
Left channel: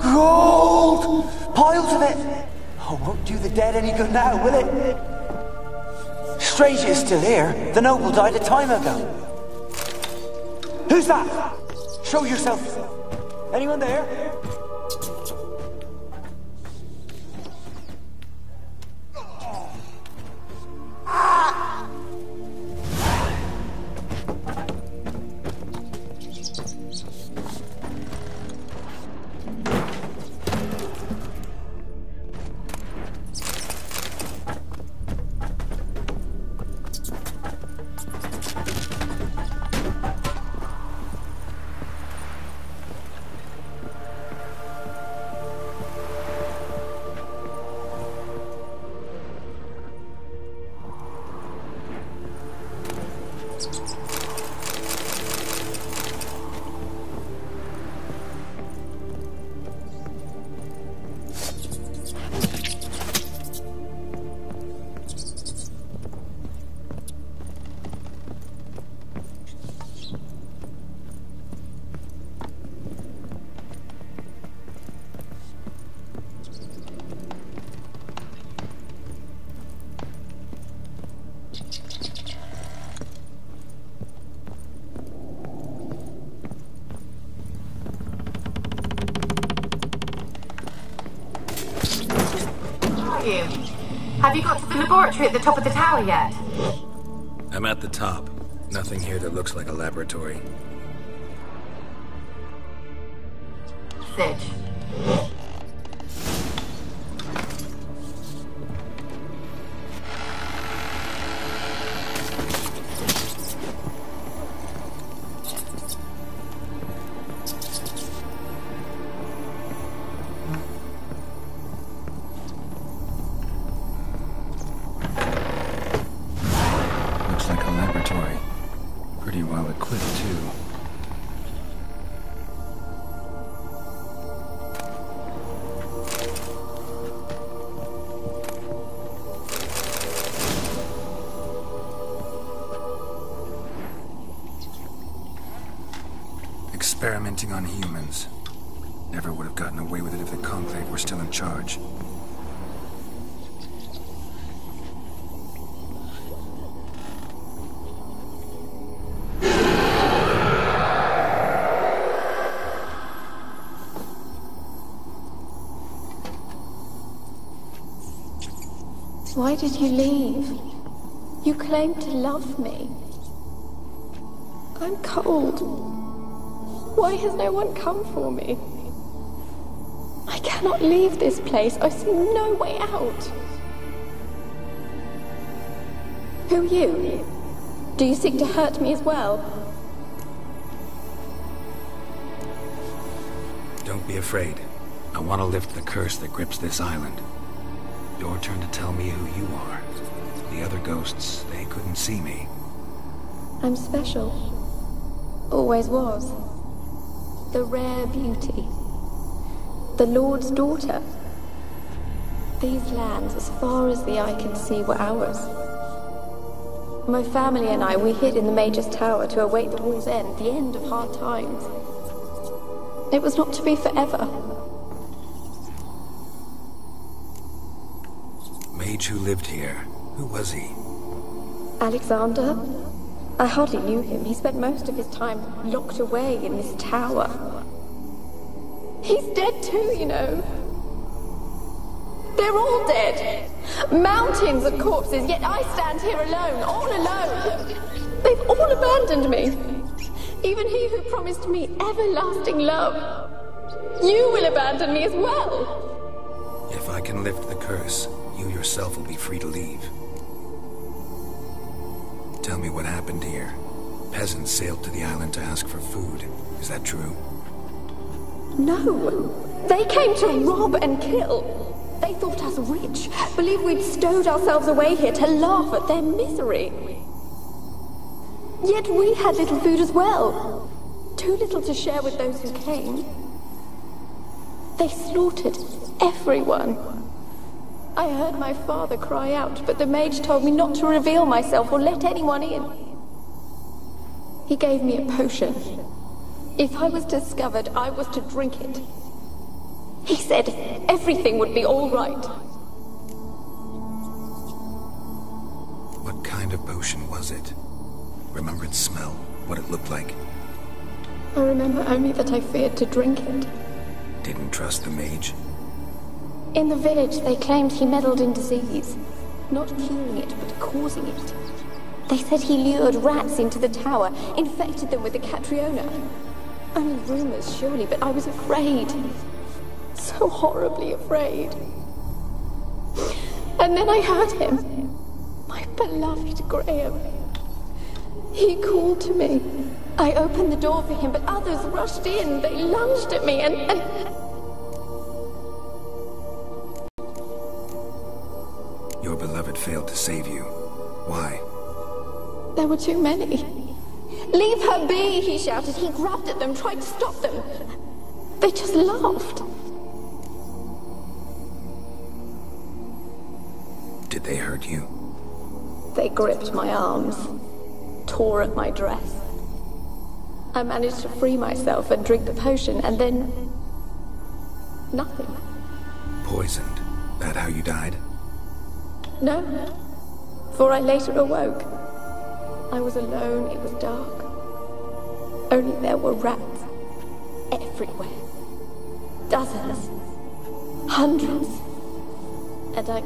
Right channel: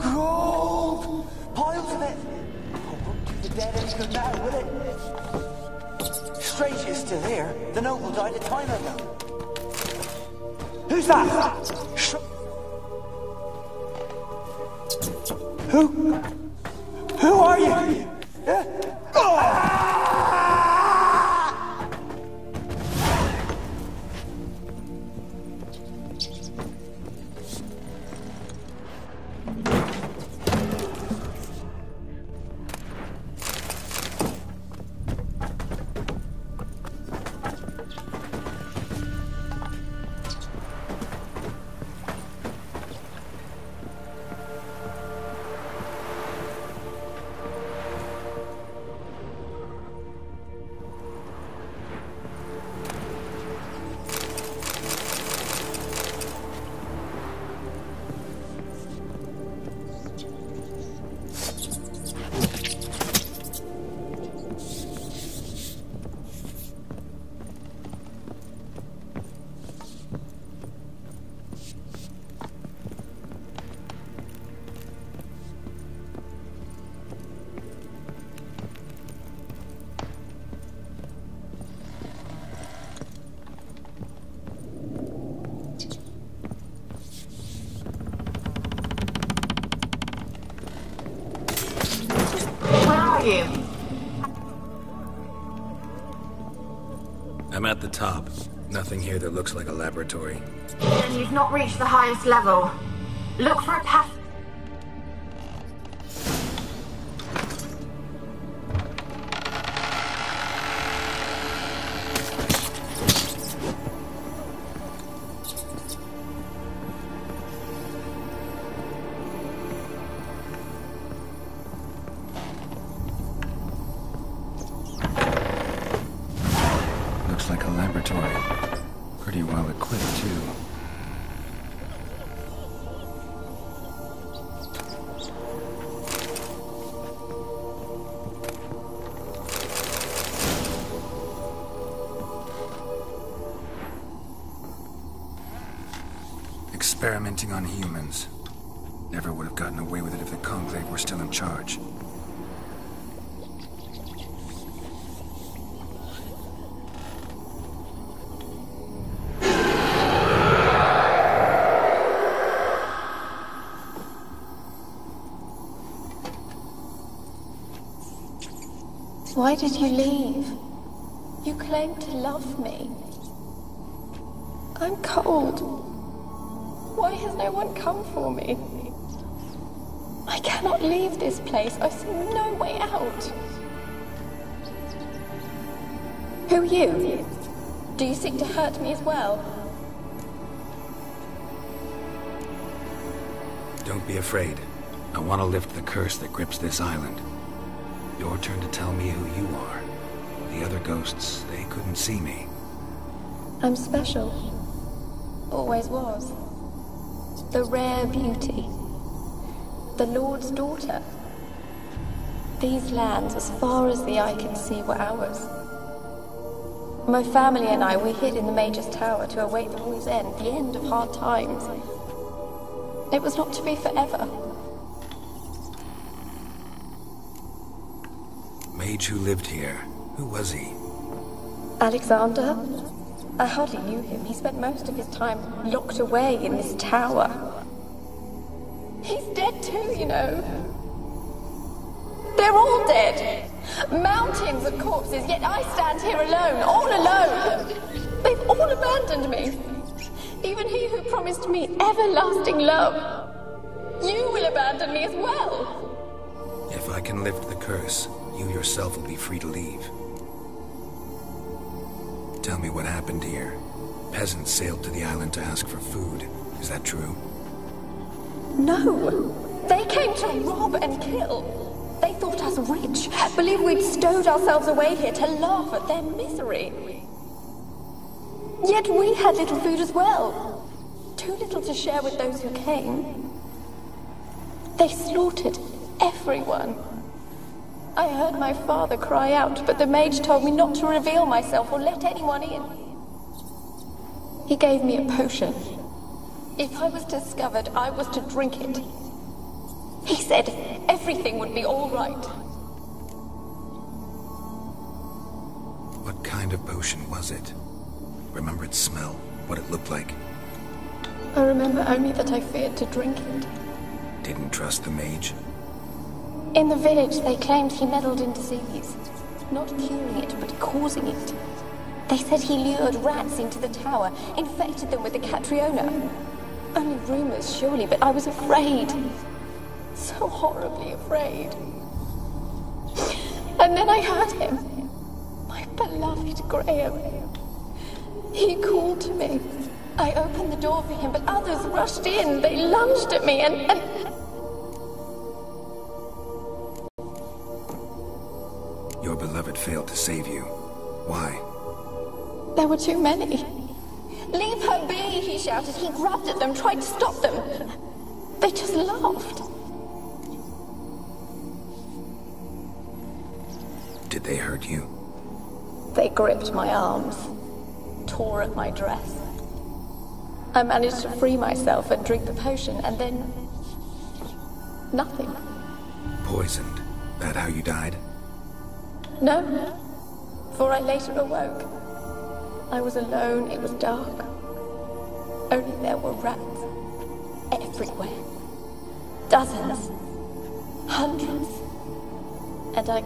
Gold! Piles of it! Oh, won't do the dead any good now, will it? Strange it's still here. The noble died a time ago. Who's that? Show yourself. Anyone there? Who? Who are you? Have you got to the laboratory at the top of the tower yet? I'm at the top. Nothing here that looks like a laboratory. Then you've not reached the highest level. Look for a passage. Looks like a laboratory. Pretty well equipped, too. Experimenting on humans. Never would have gotten away with it if the Conclave were still in charge. Why did you leave? You claimed to love me. I'm cold. Why has no one come for me? I cannot leave this place. I see no way out. Who are you? Do you seek to hurt me as well? Don't be afraid. I want to lift the curse that grips this island. Your turn to tell me who you are. The other ghosts, they couldn't see me. I'm special. Always was. The rare beauty. The Lord's daughter. These lands, as far as the eye can see, were ours. My family and I, we hid in the Major's Tower to await the war's end, the end of hard times. It was not to be forever. Mage who lived here. Who was he? Alexander? I hardly knew him. He spent most of his time locked away in this tower. He's dead too, you know. They're all dead. Mountains of corpses, yet I stand here alone, all alone. They've all abandoned me. Even he who promised me everlasting love. You will abandon me as well. If I can lift the curse, you yourself will be free to leave. Tell me what happened here. Peasants sailed to the island to ask for food. Is that true? No. They came to rob and kill. They thought us rich, believed we'd stowed ourselves away here to laugh at their misery. Yet we had little food as well. Too little to share with those who came. They slaughtered everyone. I heard my father cry out, but the mage told me not to reveal myself or let anyone in. He gave me a potion. If I was discovered, I was to drink it. He said everything would be all right. What kind of potion was it? Remember its smell? What it looked like? I remember only that I feared to drink it. Didn't trust the mage? In the village, they claimed he meddled in disease. Not curing it, but causing it. They said he lured rats into the tower, infected them with the Catriona. Only rumors, surely, but I was afraid. So horribly afraid. And then I heard him. My beloved Graham. He called to me. I opened the door for him, but others rushed in. They lunged at me and... Your beloved failed to save you. Why? There were too many. Leave her be, he shouted. He grabbed at them, tried to stop them. They just laughed. Did they hurt you? They gripped my arms, tore at my dress. I managed to free myself and drink the potion, and then... nothing. Poisoned? That how you died? No, for I later awoke. I was alone, it was dark. Only there were rats everywhere. Dozens. Hundreds. And I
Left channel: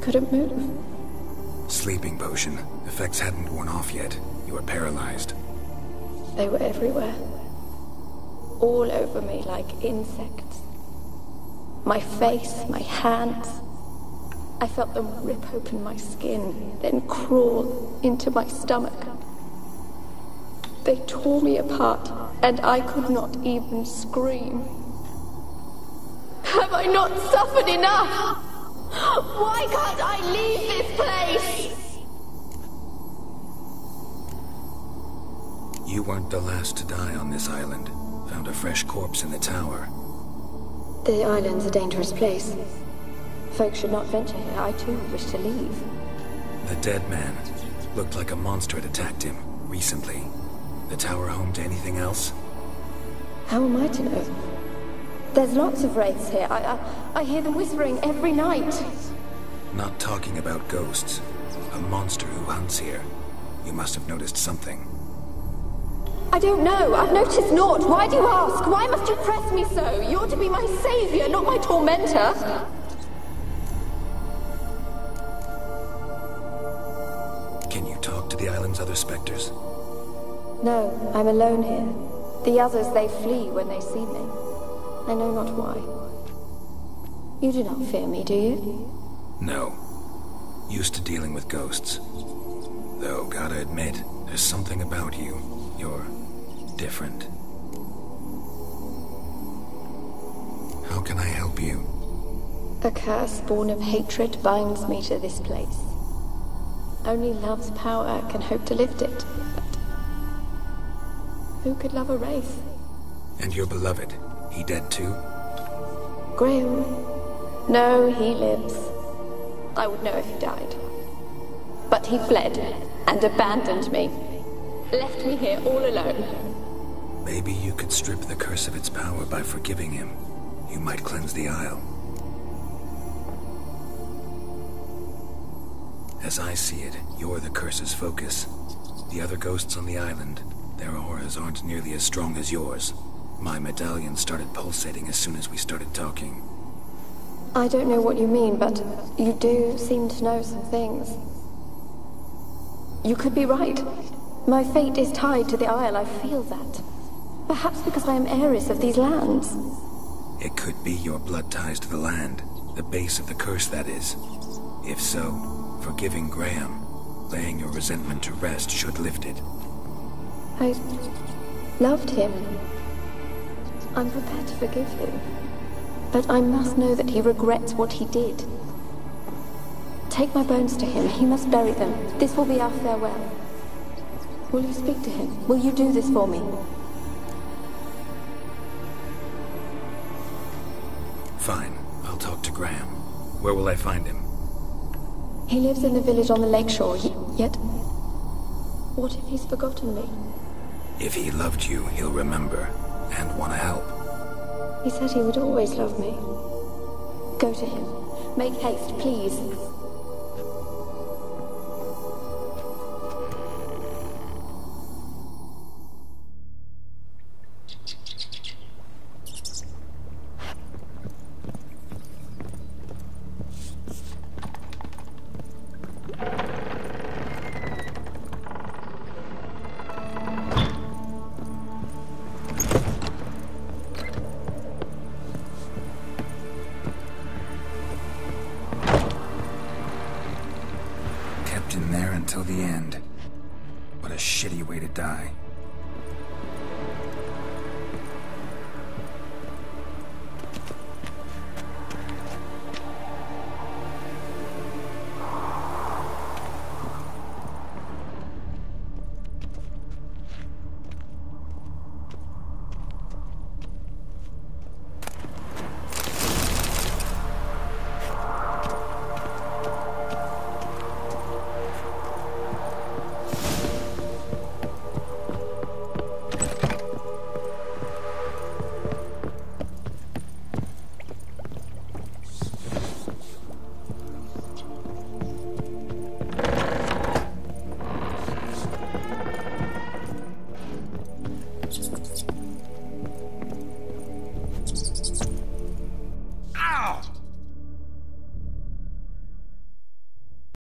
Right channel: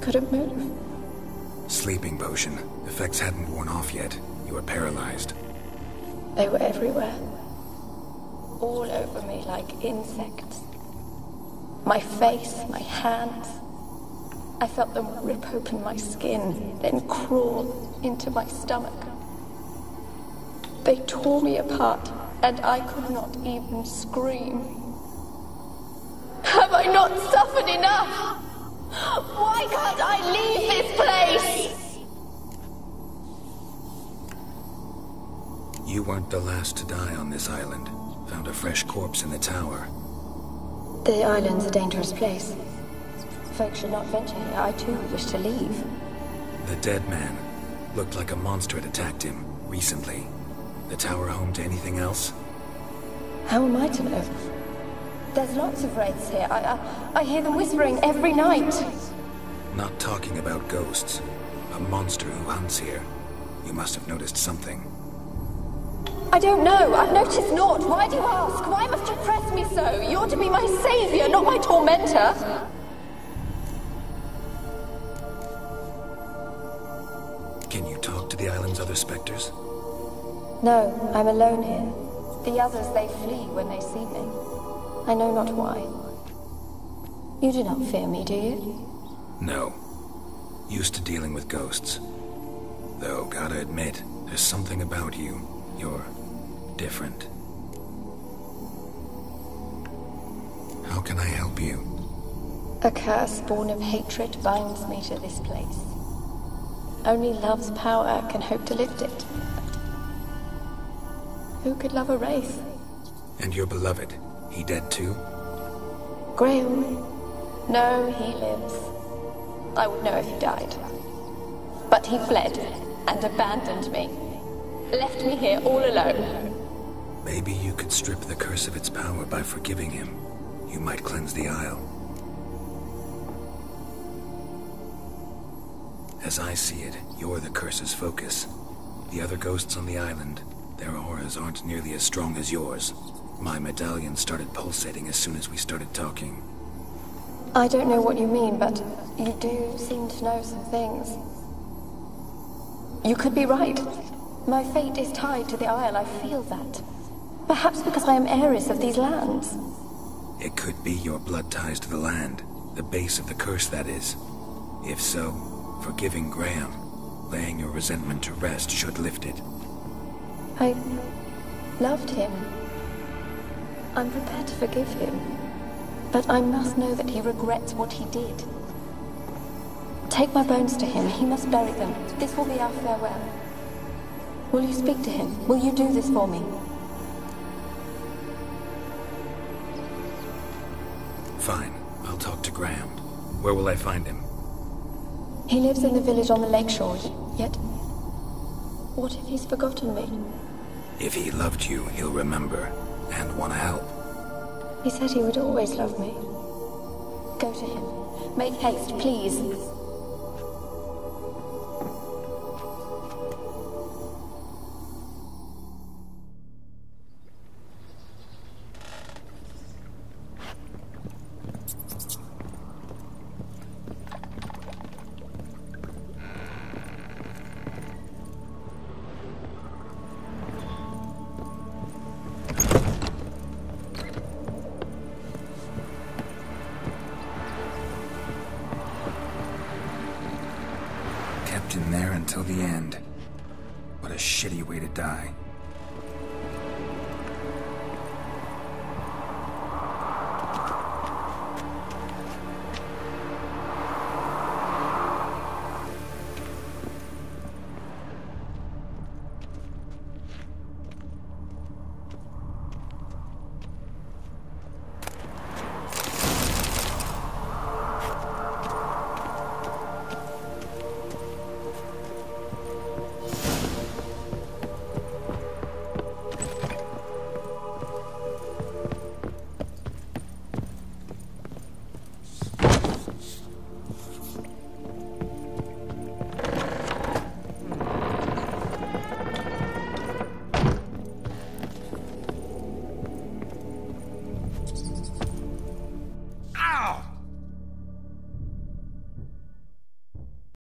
couldn't move. Sleeping potion. Effects hadn't worn off yet. You were paralyzed. They were everywhere. All over me like insects. My face, my hands. I felt them rip open my skin, then crawl into my stomach. They tore me apart, and I could not even scream. Have I not suffered enough? Why can't I leave this place? You weren't the last to die on this island. Found a fresh corpse in the tower. The island's a dangerous place. Folks should not venture here. I too wish to leave. The dead man. Looked like a monster had attacked him, recently. The tower home to anything else? How am I to know? There's lots of wraiths here. I hear them whispering every night. Not talking about ghosts. A monster who hunts here. You must have noticed something. I don't know. I've noticed naught. Why do you ask? Why must you press me so? You're to be my savior, not my tormentor. Can you talk to the island's other specters? No, I'm alone here. The others, they flee when they see me. I know not why. You do not fear me, do you? No. Used to dealing with ghosts. Though, gotta admit, there's something about you. You're different. How can I help you? A curse born of hatred binds me to this place. Only love's power can hope to lift it. But who could love a wraith? And your beloved, he dead too? Graham? No, he lives. I would know if he died. But he fled and abandoned me. Left me here all alone. Maybe you could strip the curse of its power by forgiving him. You might cleanse the Isle. As I see it, you're the curse's focus. The other ghosts on the island, their auras aren't nearly as strong as yours. My medallion started pulsating as soon as we started talking. I don't know what you mean, but you do seem to know some things. You could be right. My fate is tied to the Isle, I feel that. Perhaps because I am heiress of these lands. It could be your blood ties to the land, the base of the curse, that is. If so, forgiving Graham, laying your resentment to rest should lift it. I loved him. I'm prepared to forgive him. But I must know that he regrets what he did. Take my bones to him. He must bury them. This will be our farewell. Will you speak to him? Will you do this for me? Fine. I'll talk to Graham. Where will I find him? He lives in the village on the lakeshore, yet... what if he's forgotten me? If he loved you, he'll remember, and want to help. He said he would always love me. Go to him. Make haste, please. in there until the end. What a shitty way to die.